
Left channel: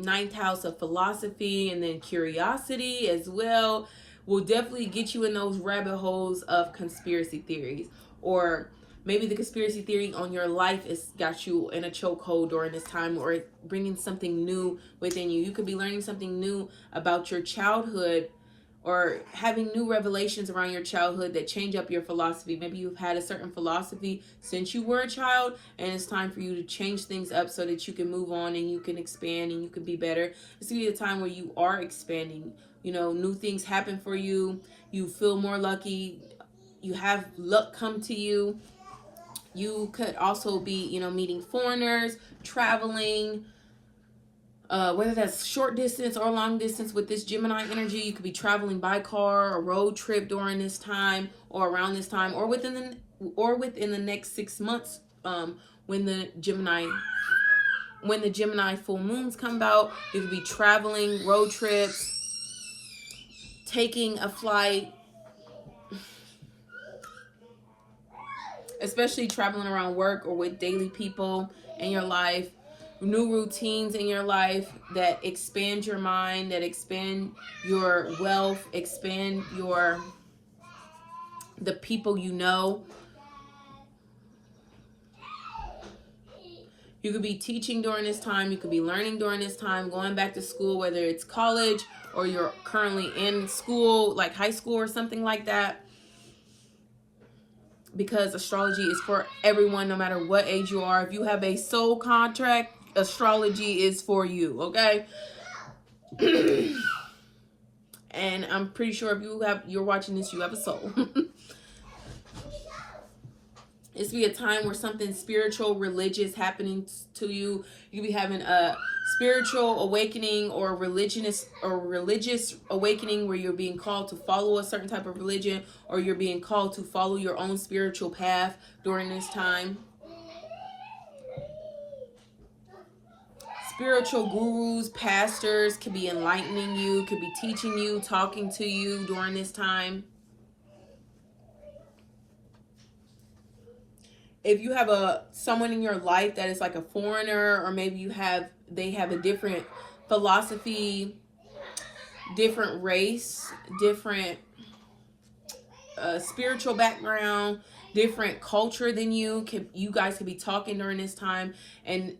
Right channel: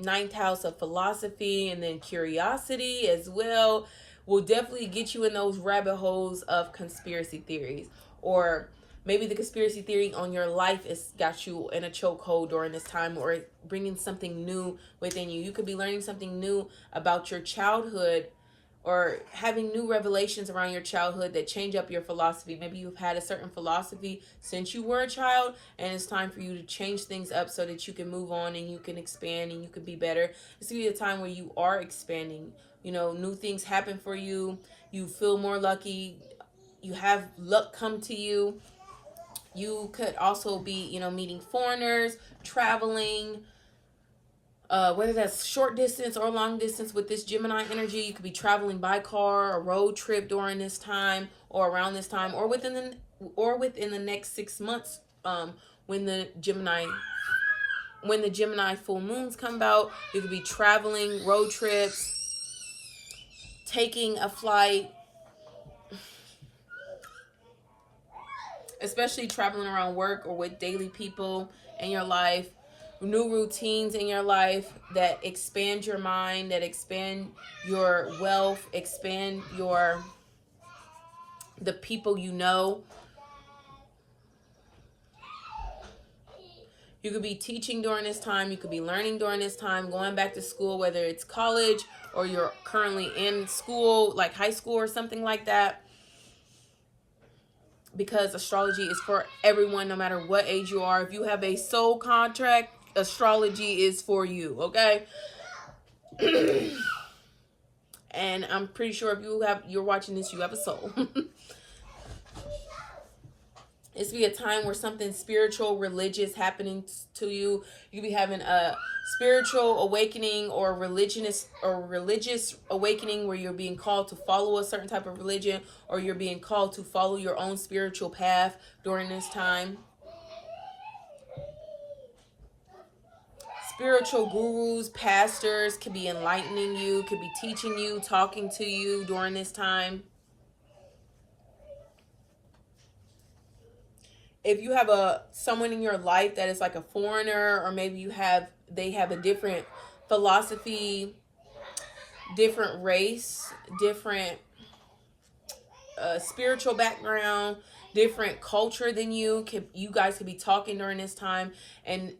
9th house of philosophy, and then curiosity as well will definitely get you in those rabbit holes of conspiracy theories. Or maybe the conspiracy theory on your life has got you in a chokehold during this time, or bringing something new within you. You could be learning something new about your childhood, or having new revelations around your childhood that change up your philosophy. Maybe you've had a certain philosophy since you were a child, and it's time for you to change things up so that you can move on and you can expand and you can be better. It's going to be a time where you are expanding. You know, new things happen for you. You feel more lucky. You have luck come to you. You could also be, you know, meeting foreigners, traveling, whether that's short distance or long distance with this Gemini energy. You could be traveling by car, a road trip during this time, or around this time, or within the next 6 months, when the Gemini full moons come about. You could be traveling, road trips, taking a flight, especially traveling around work or with daily people in your life, new routines in your life that expand your mind, that expand your wealth, expand the people you know. You could be teaching during this time. You could be learning during this time, going back to school, whether it's college or you're currently in school, like high school or something like that. Because astrology is for everyone, no matter what age you are. If you have a soul contract, astrology is for you, okay? And I'm pretty sure if you're watching this, you have a soul. This will be a time where something spiritual, religious happening to you. You could be having a spiritual awakening or religious awakening where you're being called to follow a certain type of religion, or you're being called to follow your own spiritual path during this time. Spiritual gurus, pastors could be enlightening you, could be teaching you, talking to you during this time. If you have someone in your life that is like a foreigner, or maybe they have a different philosophy, different race, different spiritual background, different culture than you guys could be talking during this time, and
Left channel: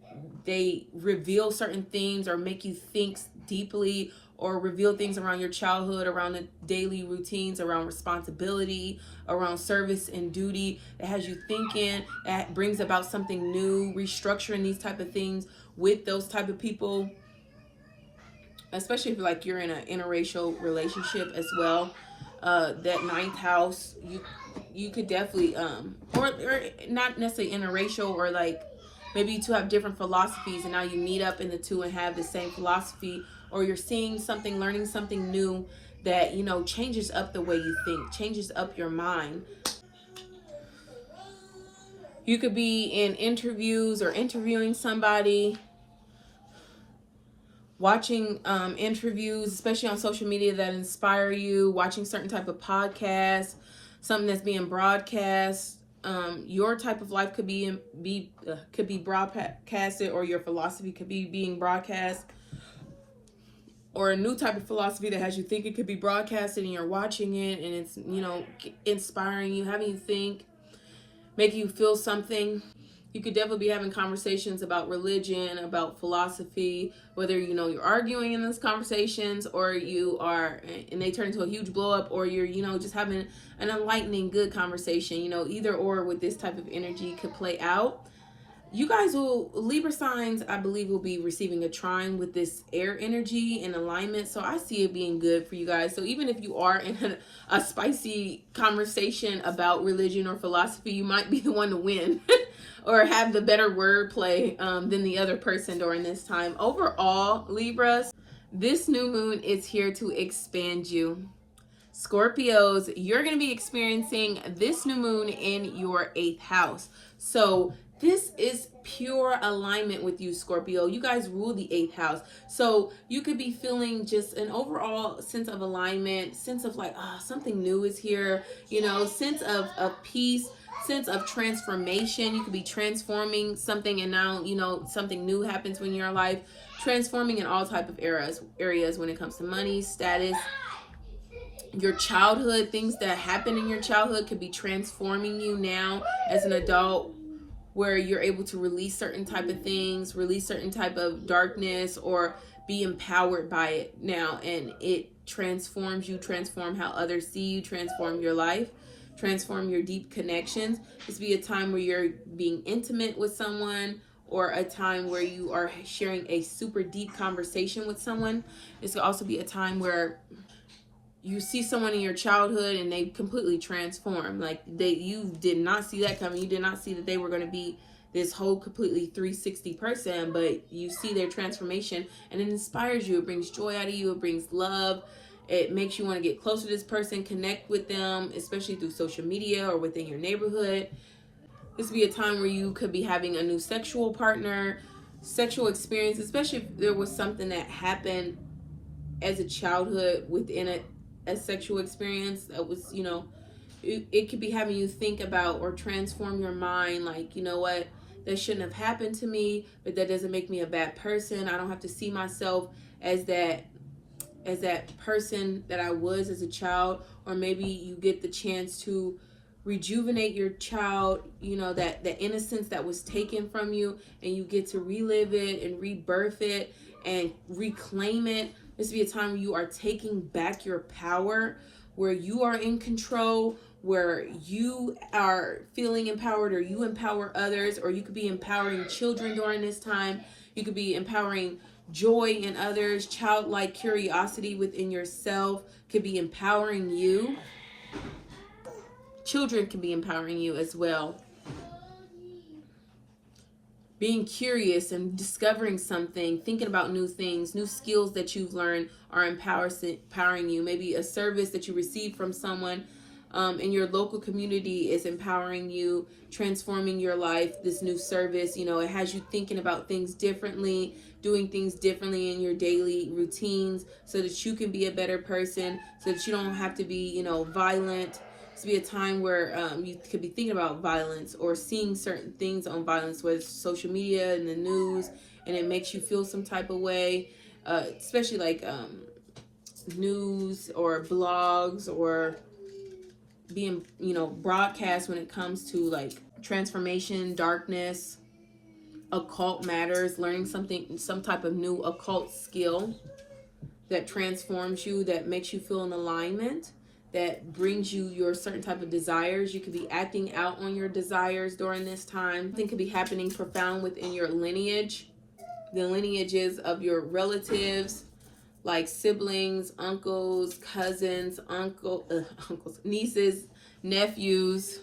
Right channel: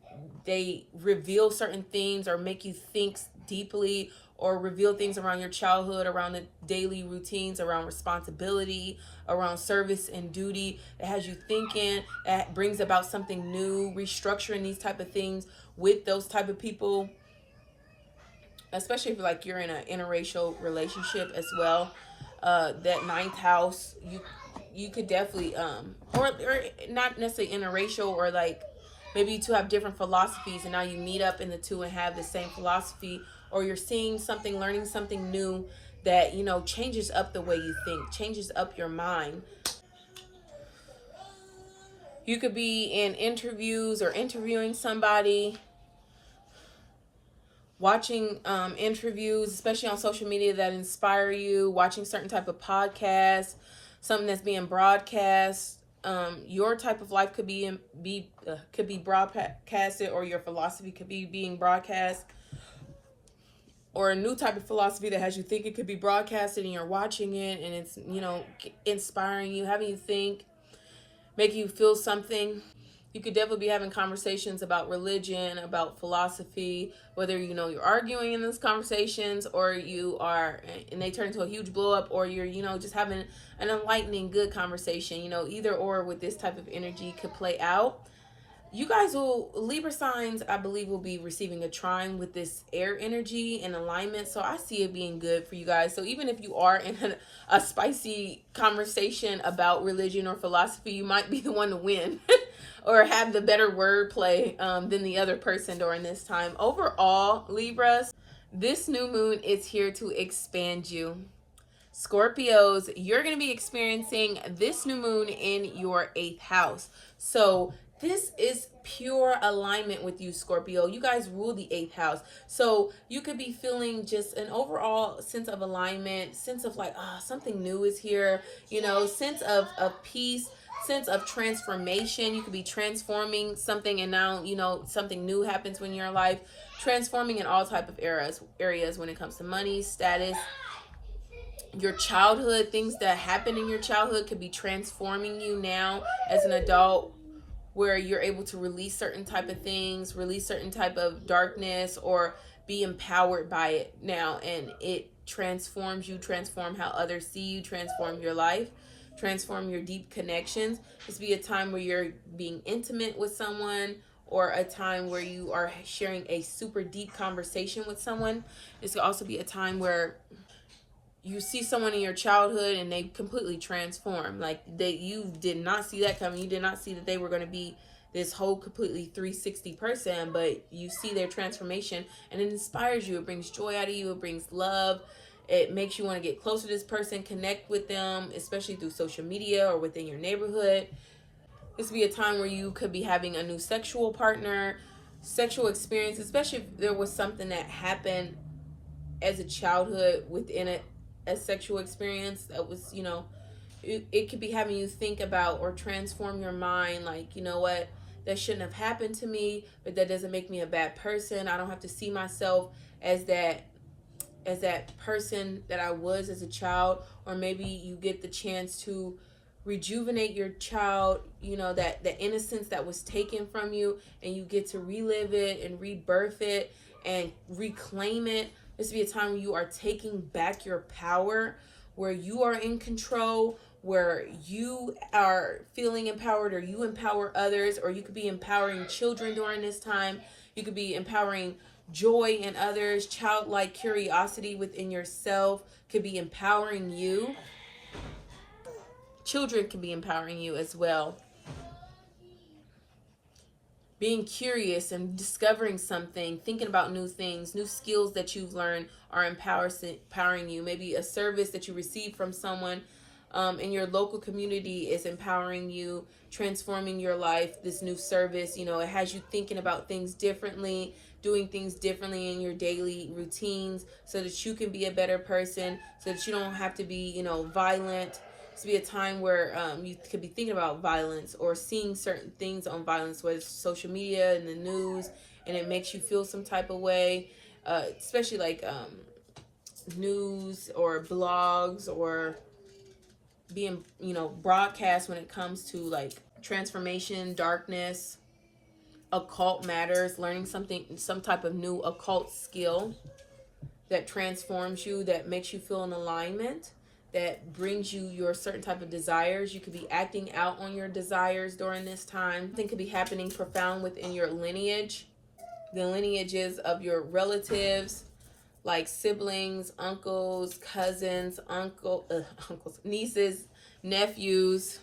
they reveal certain things or make you think deeply, or reveal things around your childhood, around the daily routines, around responsibility, around service and duty. It has you thinking, that brings about something new, restructuring these type of things with those type of people, especially if like you're in an interracial relationship as well. That ninth house, you could definitely or not necessarily interracial, or like maybe you two have different philosophies and now you meet up in the two and have the same philosophy, or you're seeing something, learning something new that, you know, changes up the way you think, changes up your mind. You could be in interviews or interviewing somebody, watching interviews, especially on social media, that inspire you, watching certain type of podcasts, something that's being broadcast. Your type of life could be broadcasted, or your philosophy could be being broadcast, or a new type of philosophy that has you think it could be broadcasted, and you're watching it and it's, you know, inspiring you, having you think, making you feel something. You could definitely be having conversations about religion, about philosophy, whether, you know, you're arguing in those conversations, or you are, and they turn into a huge blow up, or you're, you know, just having an enlightening, good conversation. You know, either or with this type of energy could play out. You guys will, Libra signs, I believe, will be receiving a trine with this air energy and alignment. So I see it being good for you guys. So even if you are in a spicy conversation about religion or philosophy, you might be the one to win or have the better wordplay than the other person during this time. Overall, Libras, this new moon is here to expand you. Scorpios, you're going to be experiencing this new moon in your 8th house. So this is pure alignment with you, Scorpio. You guys rule the 8th house. So you could be feeling just an overall sense of alignment, sense of like, something new is here, you know, sense of peace, sense of transformation. You could be transforming something, and now, you know, something new happens when you're in life, transforming in all type of areas when it comes to money, status, your childhood. Things that happen in your childhood could be transforming you now as an adult, where you're able to release certain type of things, release certain type of darkness, or be empowered by it now, and it transforms you, transform how others see you, transform your life, transform your deep connections. This be a time where you're being intimate with someone, or a time where you are sharing a super deep conversation with someone. This could also be a time where you see someone in your childhood and they completely transform. Like you did not see that coming. You did not see that they were going to be this whole completely 360 person, but you see their transformation and it inspires you. It brings joy out of you. It brings love. It makes you want to get close to this person, connect with them, especially through social media or within your neighborhood. This would be a time where you could be having a new sexual partner, sexual experience, especially if there was something that happened as a childhood within a sexual experience that was, you know, it could be having you think about or transform your mind, like, you know what, that shouldn't have happened to me, but that doesn't make me a bad person. I don't have to see myself as that person that I was as a child. Or maybe you get the chance to rejuvenate your child, you know, that the innocence that was taken from you, and you get to relive it and rebirth it and reclaim it. This will be a time where you are taking back your power, where you are in control, where you are feeling empowered, or you empower others, or you could be empowering children during this time. You could be empowering joy in others, childlike curiosity within yourself could be empowering you. Children can be empowering you as well. Being curious and discovering something, thinking about new things, new skills that you've learned are empowering you. Maybe a service that you receive from someone in your local community is empowering you, transforming your life. This new service, you know, it has you thinking about things differently, doing things differently in your daily routines, so that you can be a better person, so that you don't have to be, you know, violent. To be a time where you could be thinking about violence or seeing certain things on violence, whether it's social media and the news, and it makes you feel some type of way, especially like news or blogs, or being, you know, broadcast when it comes to like transformation, darkness, occult matters, learning something, some type of new occult skill. that transforms you, that makes you feel in alignment, that brings you your certain type of desires. You could be acting out on your desires during this time. Something could be happening profound within your lineage, the lineages of your relatives, like siblings, uncles, cousins, uncles, nieces, nephews.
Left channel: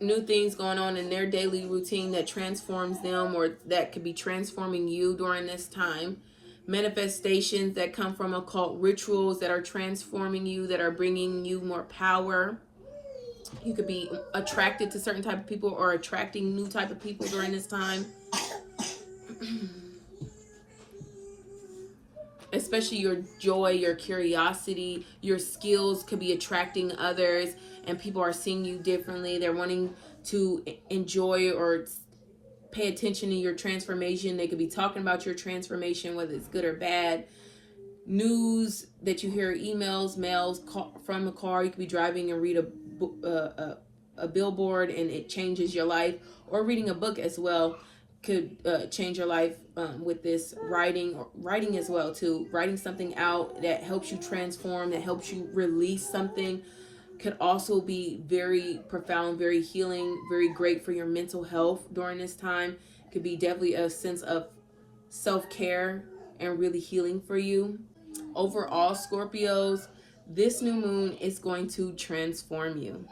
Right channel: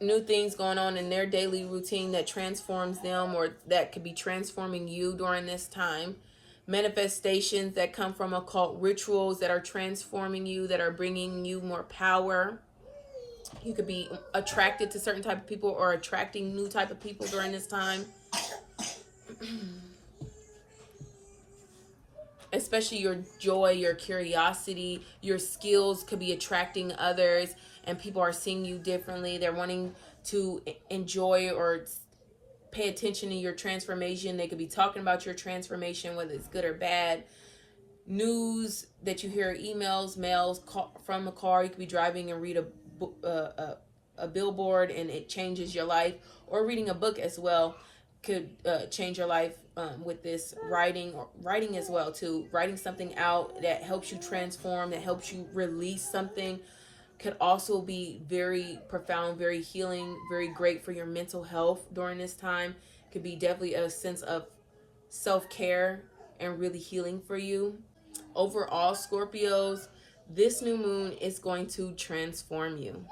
New things going on in their daily routine that transforms them, or that could be transforming you during this time. Manifestations that come from occult rituals that are transforming you, that are bringing you more power. You could be attracted to certain type of people or attracting new type of people during this time. Especially your joy, your curiosity, your skills could be attracting others, and people are seeing you differently. They're wanting to enjoy or pay attention to your transformation. They could be talking about your transformation, whether it's good or bad. News that you hear, emails, mails from a car. You could be driving and read a billboard and it changes your life, or reading a book as well could change your life with this writing as well too. Writing something out that helps you transform, that helps you release something, could also be very profound, very healing, very great for your mental health during this time. Could be definitely a sense of self-care and really healing for you. Overall, Scorpios, this new moon is going to transform you.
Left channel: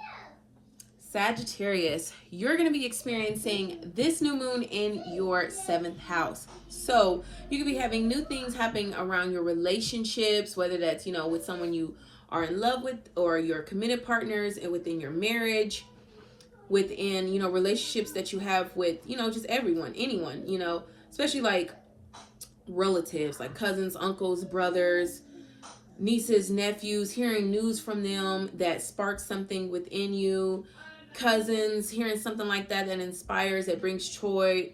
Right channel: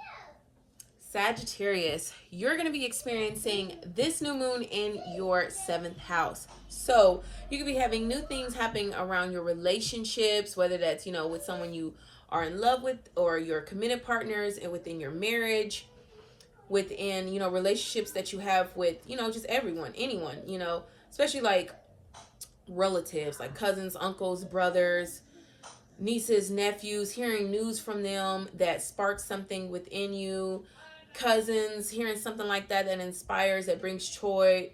Sagittarius, you're going to be experiencing this new moon in your 7th house. So you could be having new things happening around your relationships, whether that's, with someone you are in love with, or your committed partners, and within your marriage, within, relationships that you have with, just everyone, anyone, especially like relatives, like cousins, uncles, brothers, nieces, nephews, hearing news from them that sparks something within you. Cousins, hearing something like that inspires, that brings joy,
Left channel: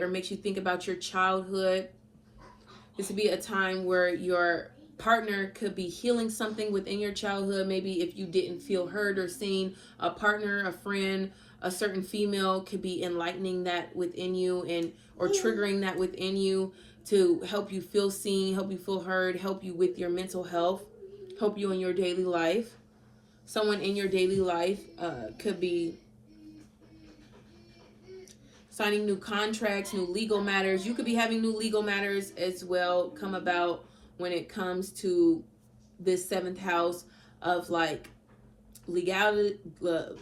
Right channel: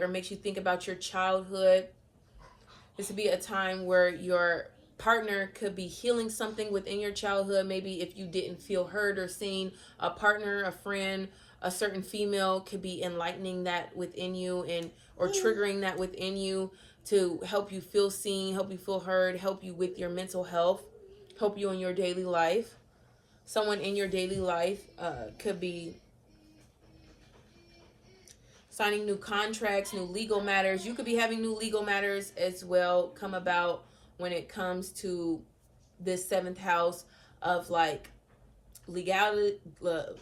or makes you think about your childhood. This would be a time where your partner could be healing something within your childhood. Maybe if you didn't feel heard or seen, a partner, a friend, a certain female could be enlightening that within you, or triggering that within you to help you feel seen, help you feel heard, help you with your mental health, help you in your daily life. Someone in your daily life could be signing new contracts, new legal matters. You could be having new legal matters as well come about when it comes to this 7th house of like legality,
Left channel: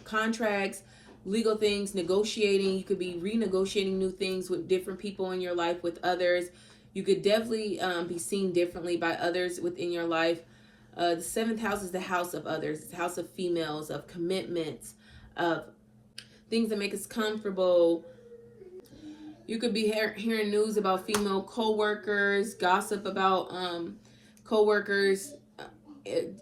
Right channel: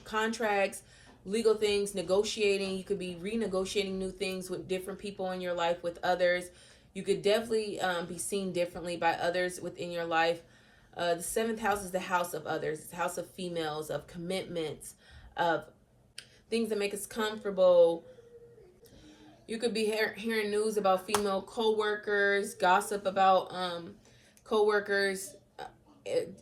contracts, legal things, negotiating. You could be renegotiating new things with different people in your life, with others. You could definitely be seen differently by others within your life. The 7th house is the house of others. It's the house of females, of commitments, of things that make us comfortable. You could be hearing news about female co-workers, gossip about co-workers. If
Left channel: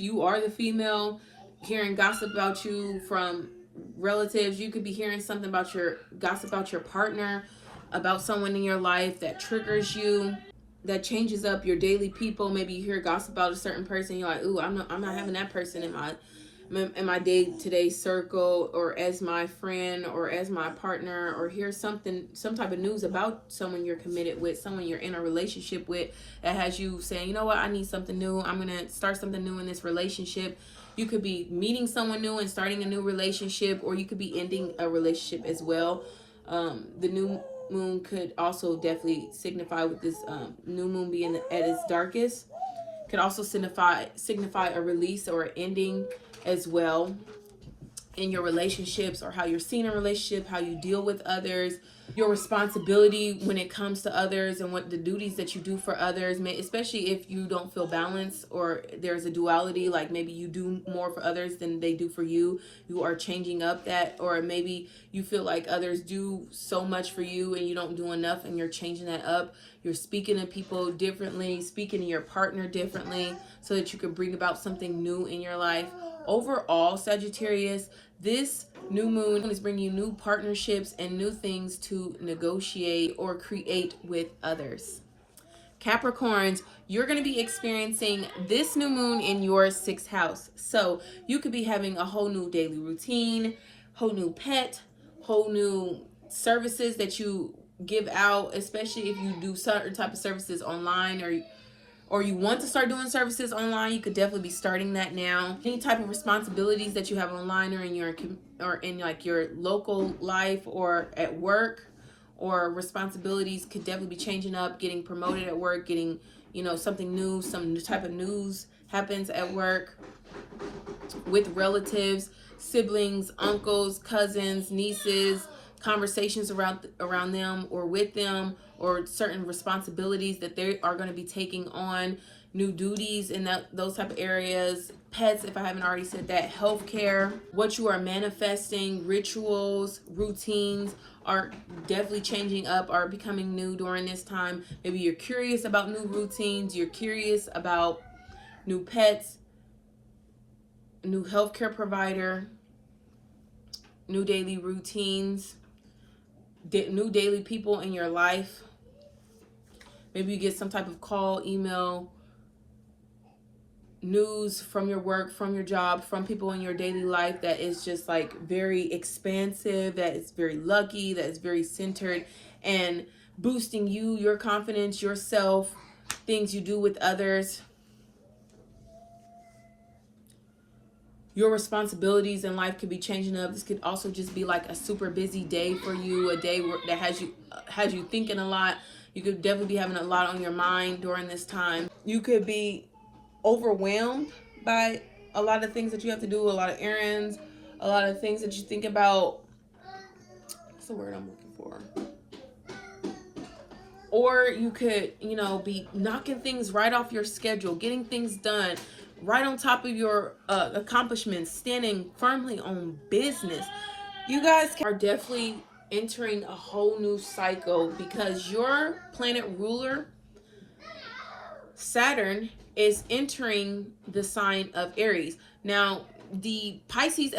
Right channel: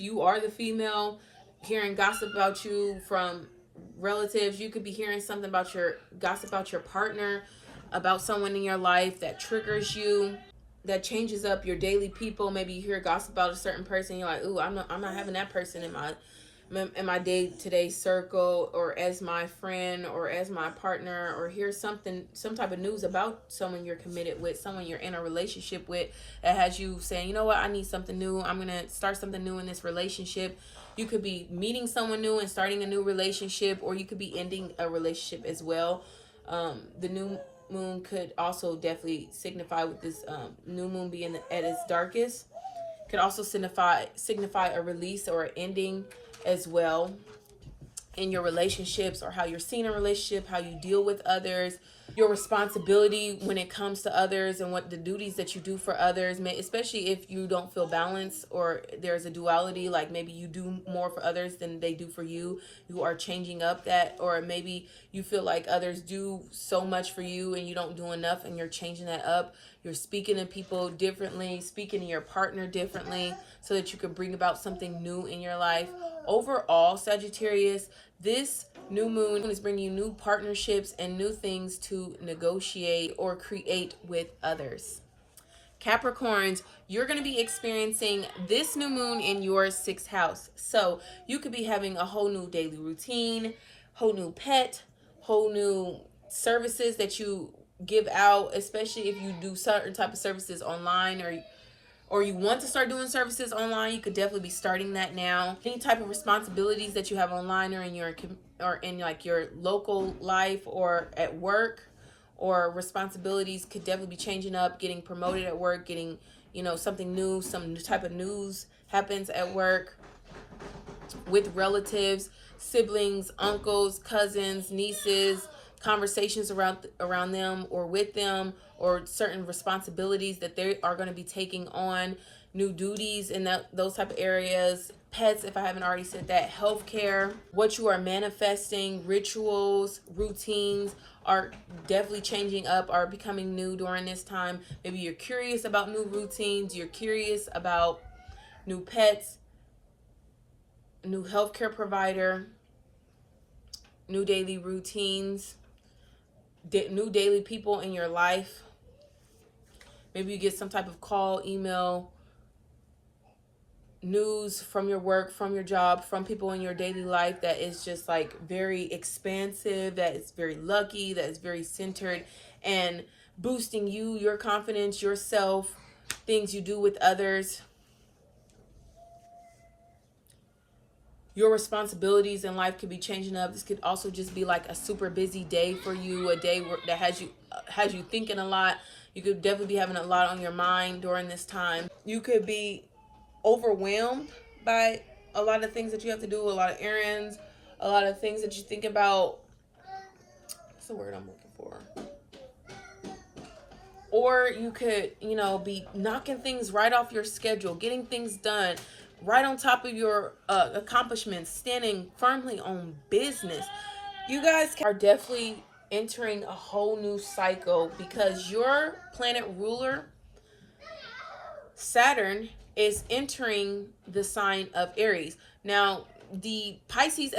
you are the female, hearing gossip about you from relatives. You could be hearing something about gossip about your partner, about someone in your life that triggers you, that changes up your daily people. Maybe you hear gossip about a certain person. You're like, ooh, I'm not having that person in my day-to-day circle, or as my friend, or as my partner, or hear some type of news about someone you're committed with, someone you're in a relationship with, that has you saying, you know what, I need something new. I'm going to start something new in this relationship. You could be meeting someone new and starting a new relationship, or you could be ending a relationship as well. The new moon could also definitely signify, with this new moon being at its darkest, could also signify a release or an ending as well in your relationships, or how you're seeing a relationship, how you deal with others, your responsibility when it comes to others, and what the duties that you do for others, especially if you don't feel balanced, or there's a duality, like maybe you do more for others than they do for you. You are changing up that, or maybe you feel like others do so much for you and you don't do enough, and you're changing that up. You're speaking to people differently, speaking to your partner differently, so that you can bring about something new in your life. Overall, Sagittarius, this new moon is bringing you new partnerships and new things to negotiate or create with others. Capricorns, you're going to be experiencing this new moon in your 6th house. So you could be having a whole new daily routine, whole new pet, whole new services that you give out, especially if you do certain type of services online, or you want to start doing services online. You could definitely be starting that now. Any type of responsibilities that you have online or in like your local life or at work, or responsibilities could definitely be changing up, getting promoted at work, getting, something new, some new type of news happens at work, with relatives, siblings, uncles, cousins, nieces, conversations around them or with them, or certain responsibilities that they are going to be taking on, new duties in those type of areas. Pets, if I haven't already said that. Healthcare, what you are manifesting, rituals, routines are definitely changing up, are becoming new during this time. Maybe you're curious about new routines, you're curious about new pets, new healthcare provider, new daily routines, new daily people in your life. Maybe you get some type of call, email, news from your work, from your job, from people in your daily life that is just like very expansive, that is very lucky, that is very centered and boosting you, your confidence, yourself, things you do with others. Your responsibilities in life could be changing up. This could also just be like a super busy day for you, a day that has you thinking a lot. You could definitely be having a lot on your mind during this time. You could be overwhelmed by a lot of things that you have to do, a lot of errands, a lot of things that you think about. What's the word I'm looking for? Or you could, be knocking things right off your schedule, getting things done, right on top of your accomplishments, standing firmly on business. You guys are definitely entering a whole new cycle, because your planet ruler, Saturn, is entering the sign of Aries. Now, the Pisces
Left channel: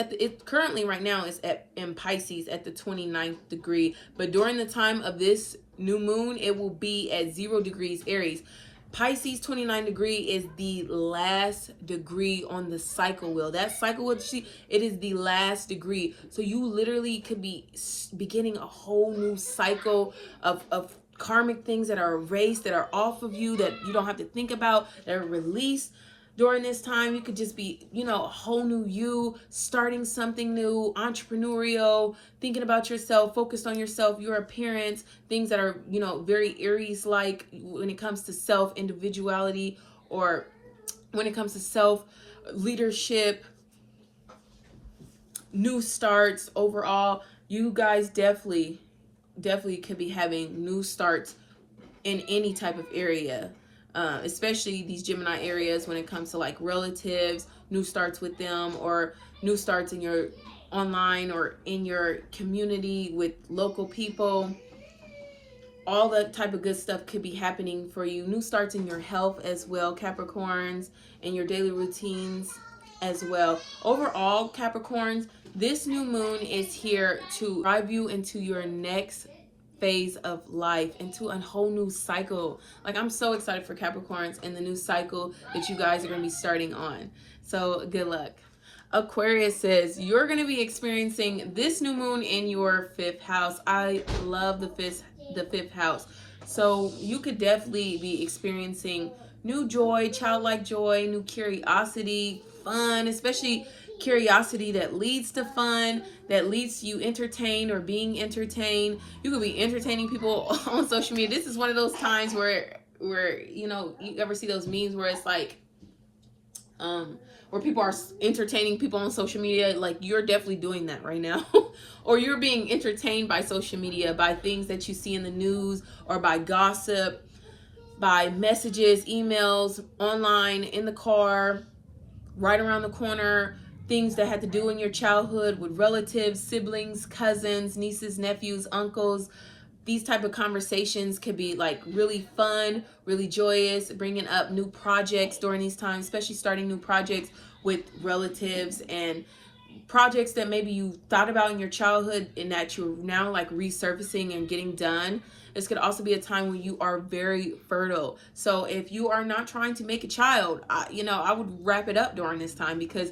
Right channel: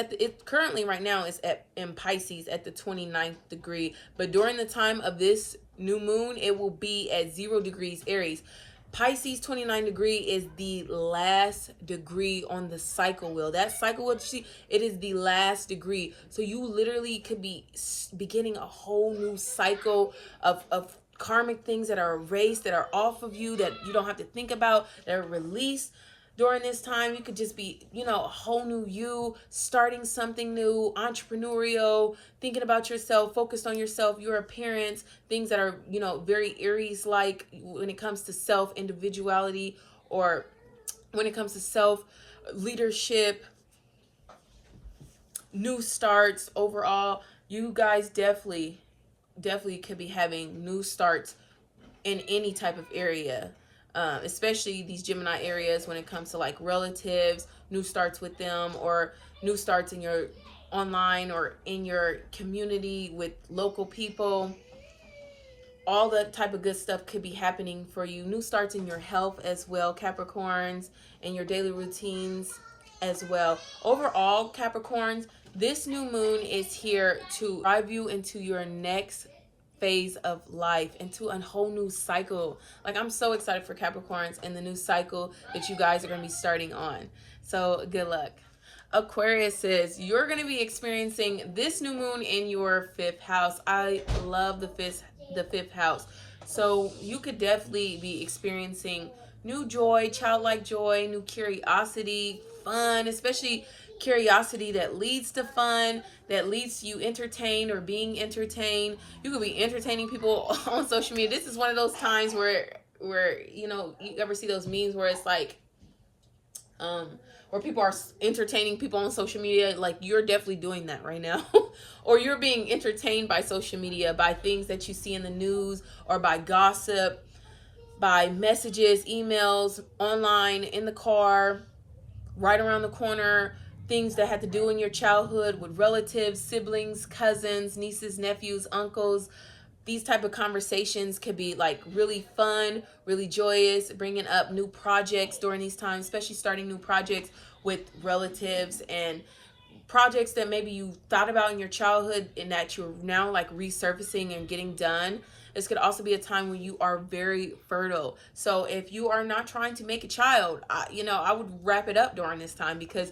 currently right now is in Pisces at the 29th degree, but during the time of this new moon, it will be at 0 degrees Aries. Pisces 29 degree is the last degree on the cycle wheel. That cycle wheel, it is the last degree. So you literally could be beginning a whole new cycle of karmic things that are erased, that are off of you, that you don't have to think about, that are released during this time. You could just be, a whole new you, starting something new, entrepreneurial, thinking about yourself, focused on yourself, your appearance, things that are, very Aries-like when it comes to self-individuality, or when it comes to self-leadership, new starts overall. You guys definitely could be having new starts in any type of area, especially these Gemini areas when it comes to like relatives, new starts with them, or new starts in your online or in your community with local people. All that type of good stuff could be happening for you. New starts in your health as well, Capricorns, and your daily routines as well. Overall, Capricorns, this new moon is here to drive you into your next phase of life, into a whole new cycle. Like, I'm so excited for Capricorns and the new cycle that you guys are going to be starting on. So good luck. Aquarius says you're going to be experiencing this new moon in your 5th house. I love the fifth house. So you could definitely be experiencing new joy, childlike joy, new curiosity, fun, especially curiosity that leads to fun, that leads to you entertained or being entertained. You could be entertaining people on social media. This is one of those times where you ever see those memes where it's like where people are entertaining people on social media. Like, you're definitely doing that right now. Or you're being entertained by social media, by things that you see in the news, or by gossip, by messages, emails, online, in the car, right around the corner, things that had to do in your childhood with relatives, siblings, cousins, nieces, nephews, uncles. These type of conversations could be like really fun, really joyous, bringing up new projects during these times, especially starting new projects with relatives, and projects that maybe you thought about in your childhood and that you're now like resurfacing and getting done. This could also be a time when you are very fertile. So if you are not trying to make a child, I would wrap it up during this time, because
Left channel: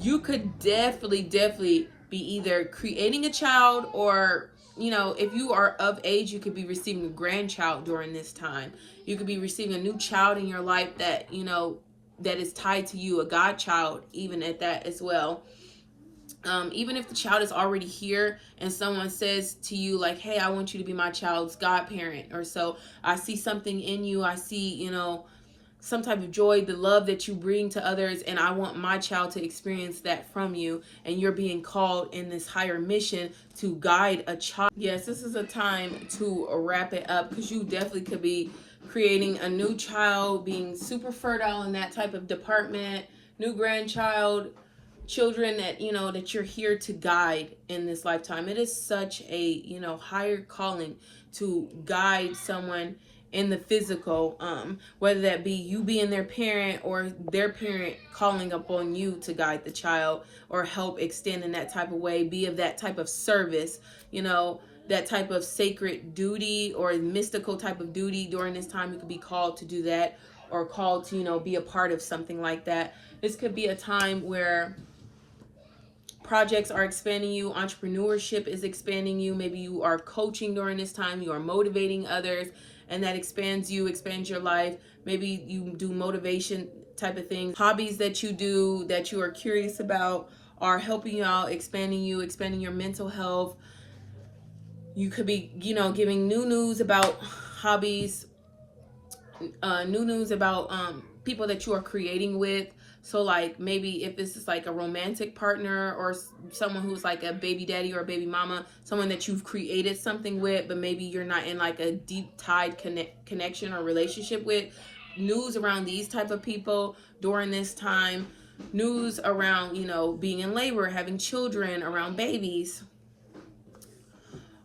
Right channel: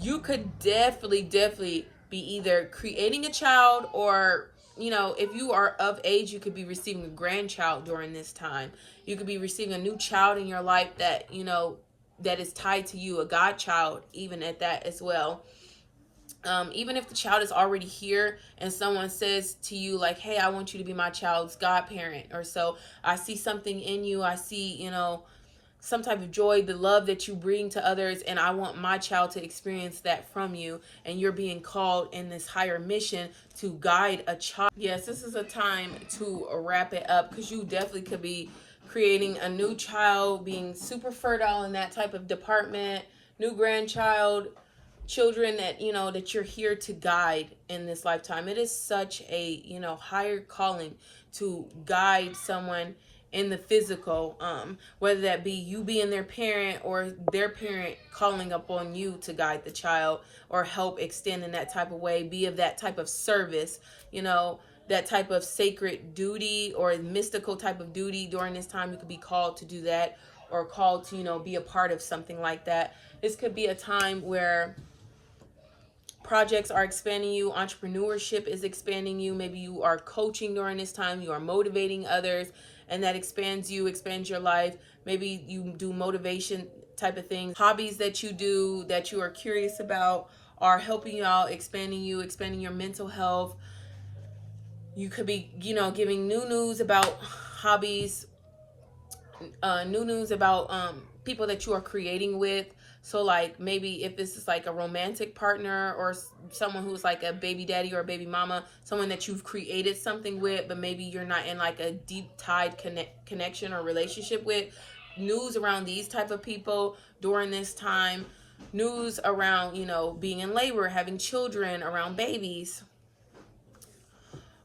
you could definitely be either creating a child or you know, if you are of age, you could be receiving a grandchild during this time. You could be receiving a new child in your life that, you know, that is tied to you, a godchild, even at that as well. Even if the child is already here and someone says to you like, hey, I want you to be my child's godparent, or so I see something in you. I see, you know, some type of joy, the love that you bring to others, and I want my child to experience that from you, and you're being called in this higher mission to guide a child. Yes, this is a time to wrap it up, because you definitely could be creating a new child, being super fertile in that type of department, new grandchild, children that, you know, that you're here to guide in this lifetime. It is such a, you know, higher calling to guide someone in the physical, whether that be you being their parent or their parent calling upon you to guide the child or help extend in that type of way, be of that type of service, you know, that type of sacred duty or mystical type of duty. During this time, you could be called to do that, or called to, you know, be a part of something like that. This could be a time where projects are expanding you, entrepreneurship is expanding you. Maybe you are coaching during this time, you are motivating others, and that expands you, expands your life. Maybe you do motivation type of things. Hobbies that you do that you are curious about are helping you out, expanding you, expanding your mental health. You could be, you know, giving new news about hobbies, new news about people that you are creating with. So like maybe if this is like a romantic partner or someone who's like a baby daddy or a baby mama, someone that you've created something with, but maybe you're not in like a deep tied connection or relationship with. News around these type of people during this time. News around, you know, being in labor, having children, around babies.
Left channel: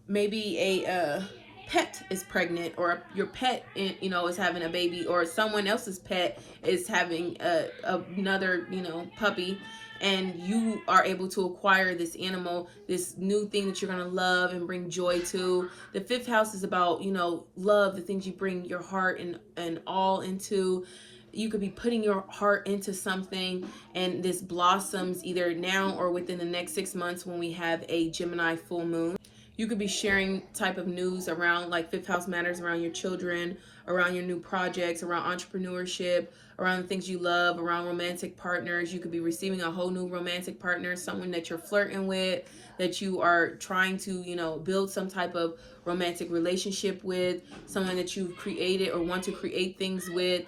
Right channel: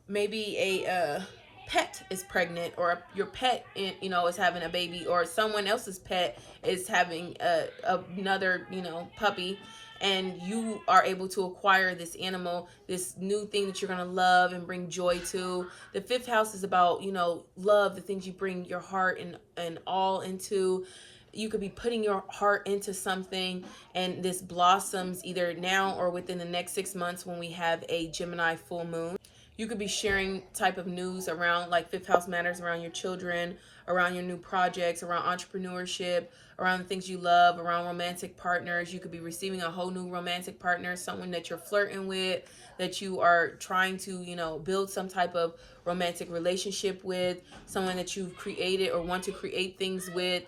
Maybe a pet is pregnant, or your pet, you know, is having a baby, or someone else's pet is having another, you know, puppy, and you are able to acquire this animal, this new thing that you're going to love and bring joy to. The fifth house is about, you know, love, the things you bring your heart and all into. You could be putting your heart into something, and this blossoms either now or within the next 6 months when we have a Gemini full moon. You could be sharing type of news around like fifth house matters, around your children, around your new projects, around entrepreneurship, around the things you love, around romantic partners. You could be receiving a whole new romantic partner, someone that you're flirting with, that you are trying to, you know, build some type of romantic relationship with, someone that you've created or want to create things with.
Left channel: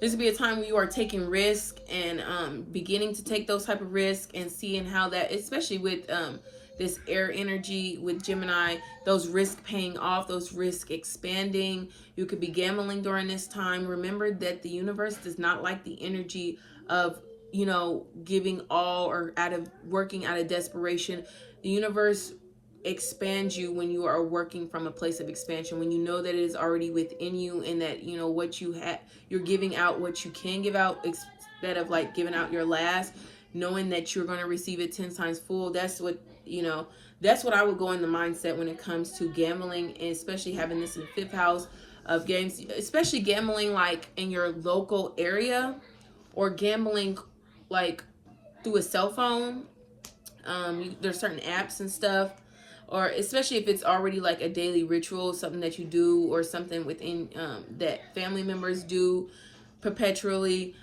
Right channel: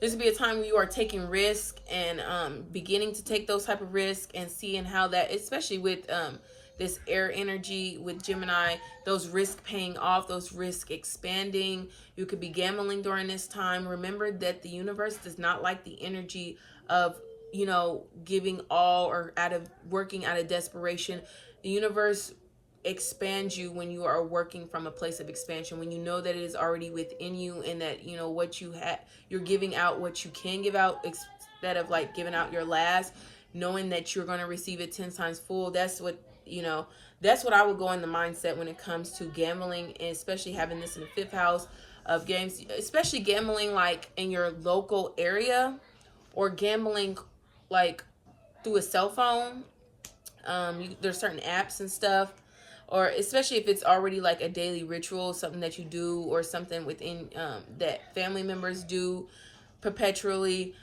This would be a time where you are taking risk and beginning to take those type of risks and seeing how that, especially with this air energy with Gemini, those risks paying off, those risks expanding. You could be gambling during this time. Remember that the universe does not like the energy of, you know, giving all or working out of desperation. The universe expands you when you are working from a place of expansion, when you know that it is already within you, and that, you know, what you have, you're giving out what you can give out instead of like giving out your last, knowing that you're going to receive it 10 times full. That's what, you know, that's what I would go in the mindset when it comes to gambling, and especially having this in the fifth house of games, especially gambling like in your local area, or gambling like through a cell phone. There's certain apps and stuff, or especially if it's already like a daily ritual, something that you do, or something within that family members do perpetually.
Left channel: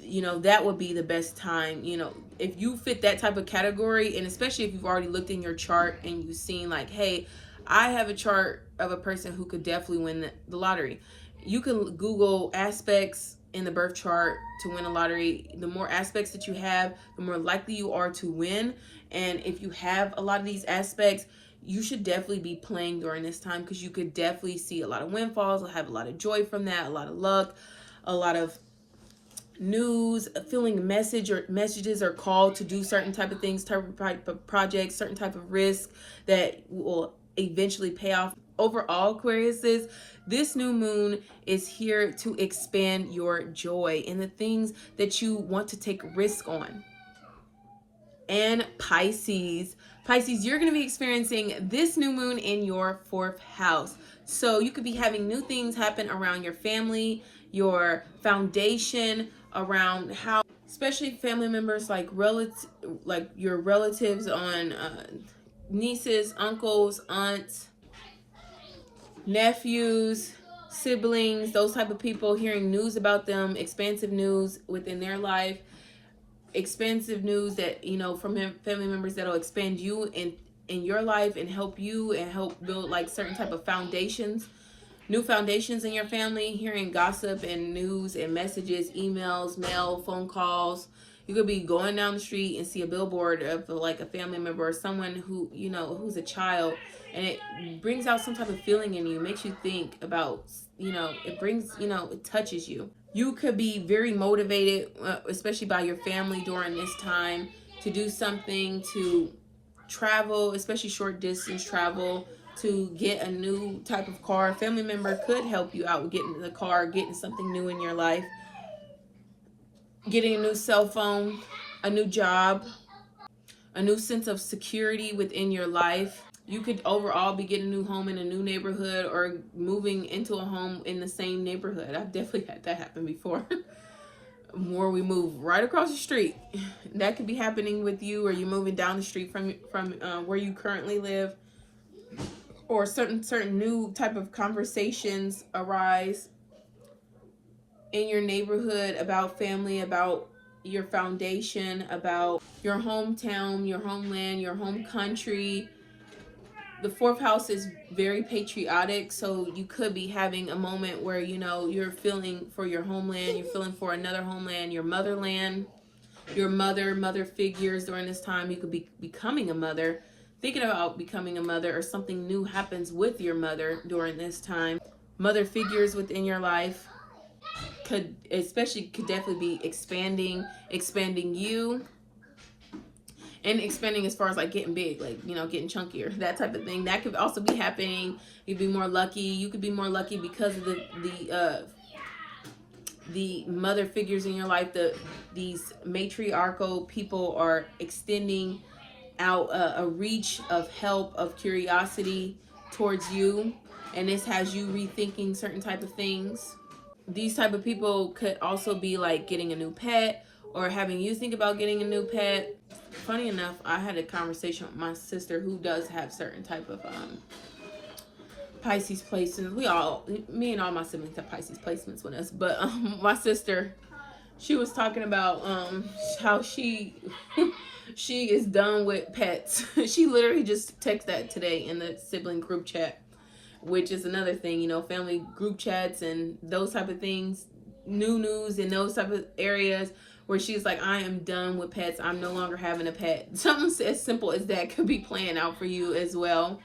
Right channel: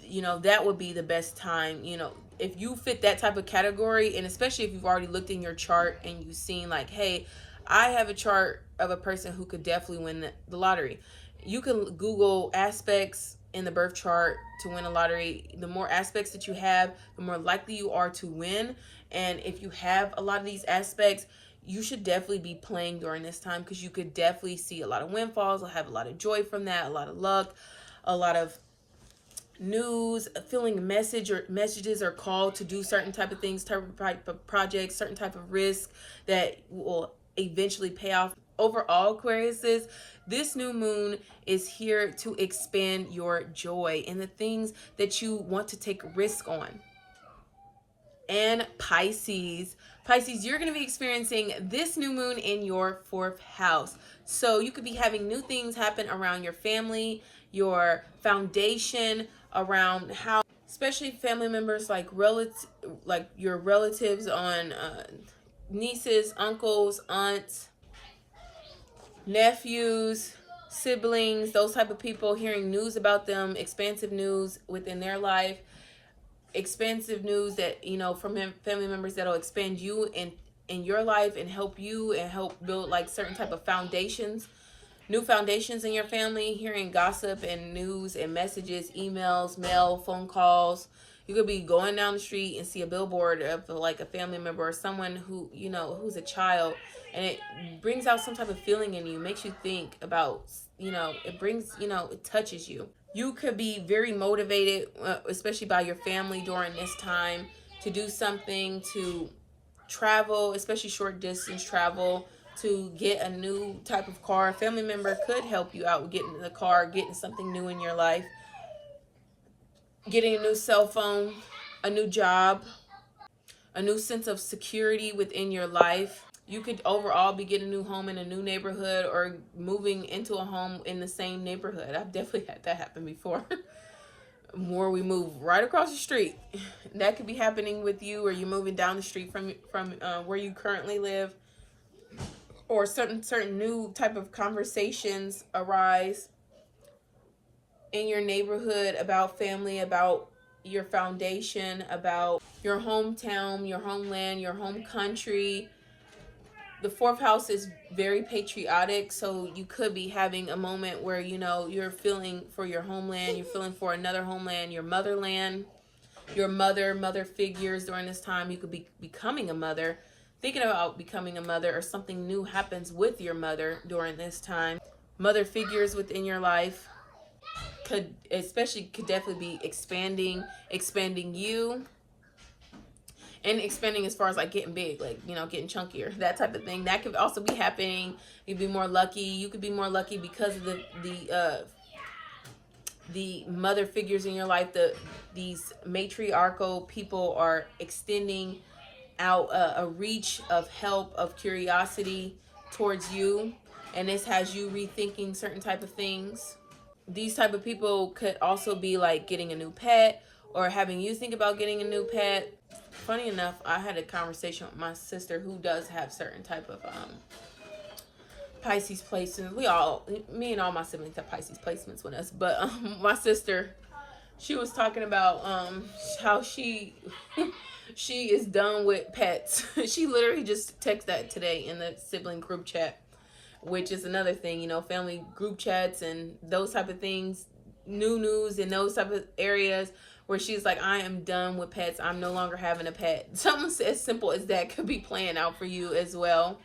You know, that would be the best time. You know, if you fit that type of category, and especially if you've already looked in your chart and you've seen like, hey, I have a chart of a person who could definitely win the lottery. You can Google aspects in the birth chart to win a lottery. The more aspects that you have, the more likely you are to win. And if you have a lot of these aspects, you should definitely be playing during this time, because you could definitely see a lot of windfalls, have a lot of joy from that, a lot of luck, a lot of news, feeling messages are called to do certain type of things, type of projects, certain type of risk that will eventually pay off. Overall, Aquariuses, this new moon is here to expand your joy and the things that you want to take risk on. And Pisces, you're going to be experiencing this new moon in your fourth house. So you could be having new things happen around your family, your foundation, around how, especially family members like your relatives on nieces, uncles, aunts, nephews, siblings, those type of people, hearing news about them, expansive news within their life, expansive news that, you know, from family members that'll expand you in your life and help you and help build like certain type of foundations, new foundations in your family. Hearing gossip and news and messages, emails, mail, phone calls. You could be going down the street and see a billboard of like a family member or someone who, you know, who's a child, and it brings out some type of feeling in you, makes you think about, you know, it brings, you know, it touches you. You could be very motivated, especially by your family during this time, to do something, to travel, especially short distance travel, to get a new type of car. A family member could help you out with getting the car, getting something new in your life, getting a new cell phone, a new job, a new sense of security within your life. You could overall be getting a new home in a new neighborhood or moving into a home in the same neighborhood. I've definitely had that happen before. Where we move right across the street. That could be happening with you, or you're moving down the street from where you currently live, or certain new type of conversations arise in your neighborhood about family, about your foundation, about your hometown, your homeland, your home country. The fourth house is very patriotic, so you could be having a moment where, you know, you're feeling for your homeland, you're feeling for another homeland, your motherland, your mother figures during this time. You could be becoming a mother, thinking about becoming a mother, or something new happens with your mother during this time. Mother figures within your life could definitely be expanding you. And expanding as far as like getting big, like, you know, getting chunkier, that type of thing. That could also be happening. You'd be more lucky. You could be more lucky because of the mother figures in your life. These matriarchal people are extending out a reach of help, of curiosity towards you, and this has you rethinking certain type of things. These type of people could also be like getting a new pet, or having you think about getting a new pet. Funny enough, I had a conversation with my sister who does have certain type of Pisces placements. Me and all my siblings have Pisces placements with us, but my sister, she was talking about how she is done with pets. She literally just texted that today in the sibling group chat, which is another thing, you know, family group chats and those type of things, new news in those type of areas, where she's like, I am done with pets. I'm no longer having a pet. Something as simple as that could be playing out for you as well.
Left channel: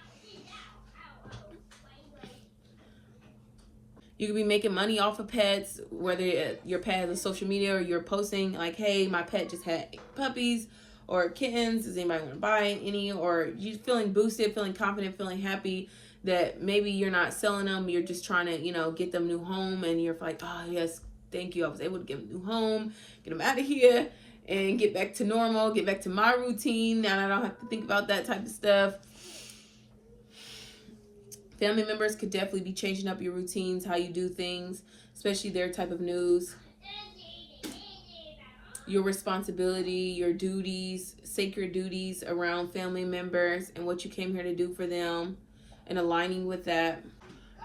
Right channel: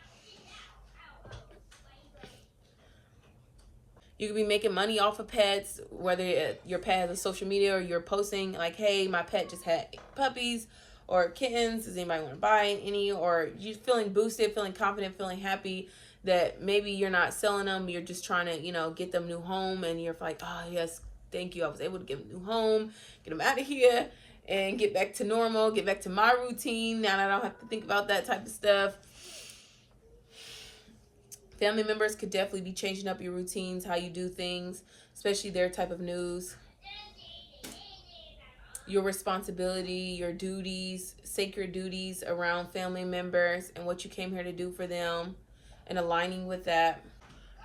You could be making money off of pets, whether your pet has a social media, or you're posting like, hey, my pet just had puppies or kittens. Does anybody want to buy any? Or you feeling boosted, feeling confident, feeling happy that maybe you're not selling them. You're just trying to, you know, get them a new home. And you're like, oh, yes, thank you. I was able to get them a new home, get them out of here, and get back to normal, get back to my routine. Now I don't have to think about that type of stuff. Family members could definitely be changing up your routines, how you do things, especially their type of news. Your responsibility, your duties, sacred duties around family members and what you came here to do for them, and aligning with that.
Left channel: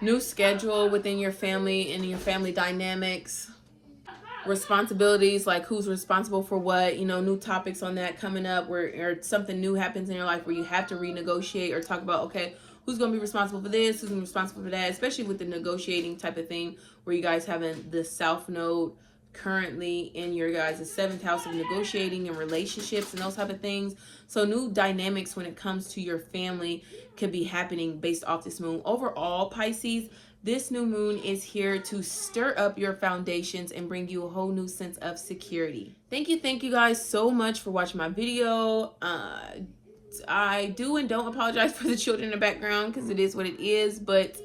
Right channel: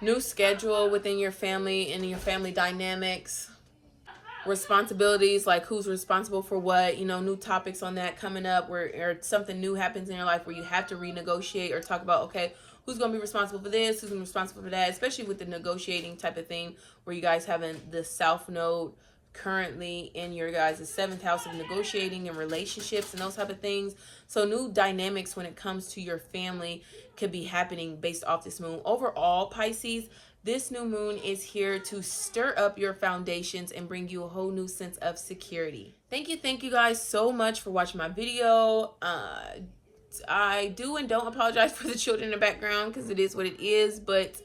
New schedule within your family and your family dynamics. Responsibilities, like who's responsible for what, you know, new topics on that coming up, where or something new happens in your life where you have to renegotiate or talk about, okay, who's going to be responsible for this, who's going to be responsible for that, especially with the negotiating type of thing, where you guys having the South Node currently in your guys' seventh house of negotiating and relationships and those type of things. So new dynamics when it comes to your family could be happening based off this moon. Overall, Pisces, this new moon is here to stir up your foundations and bring you a whole new sense of security. Thank you guys so much for watching my video. I do and don't apologize for the children in the background, because it is what it is, but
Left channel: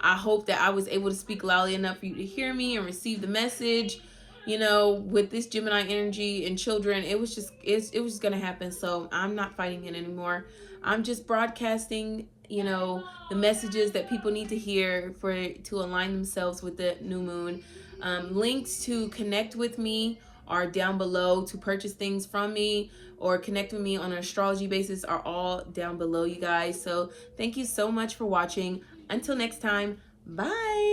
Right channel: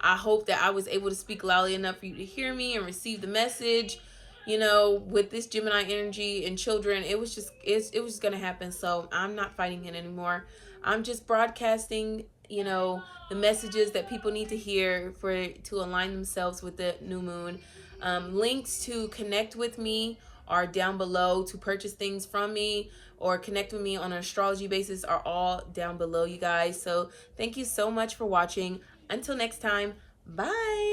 I hope that I was able to speak loudly enough for you to hear me and receive the message. You know, with this Gemini energy and children, it was just gonna happen. So I'm not fighting it anymore. I'm just broadcasting, you know, the messages that people need to hear to align themselves with the new moon. Links to connect with me are down below. To purchase things from me or connect with me on an astrology basis are all down below, you guys. So thank you so much for watching. Until next time, bye.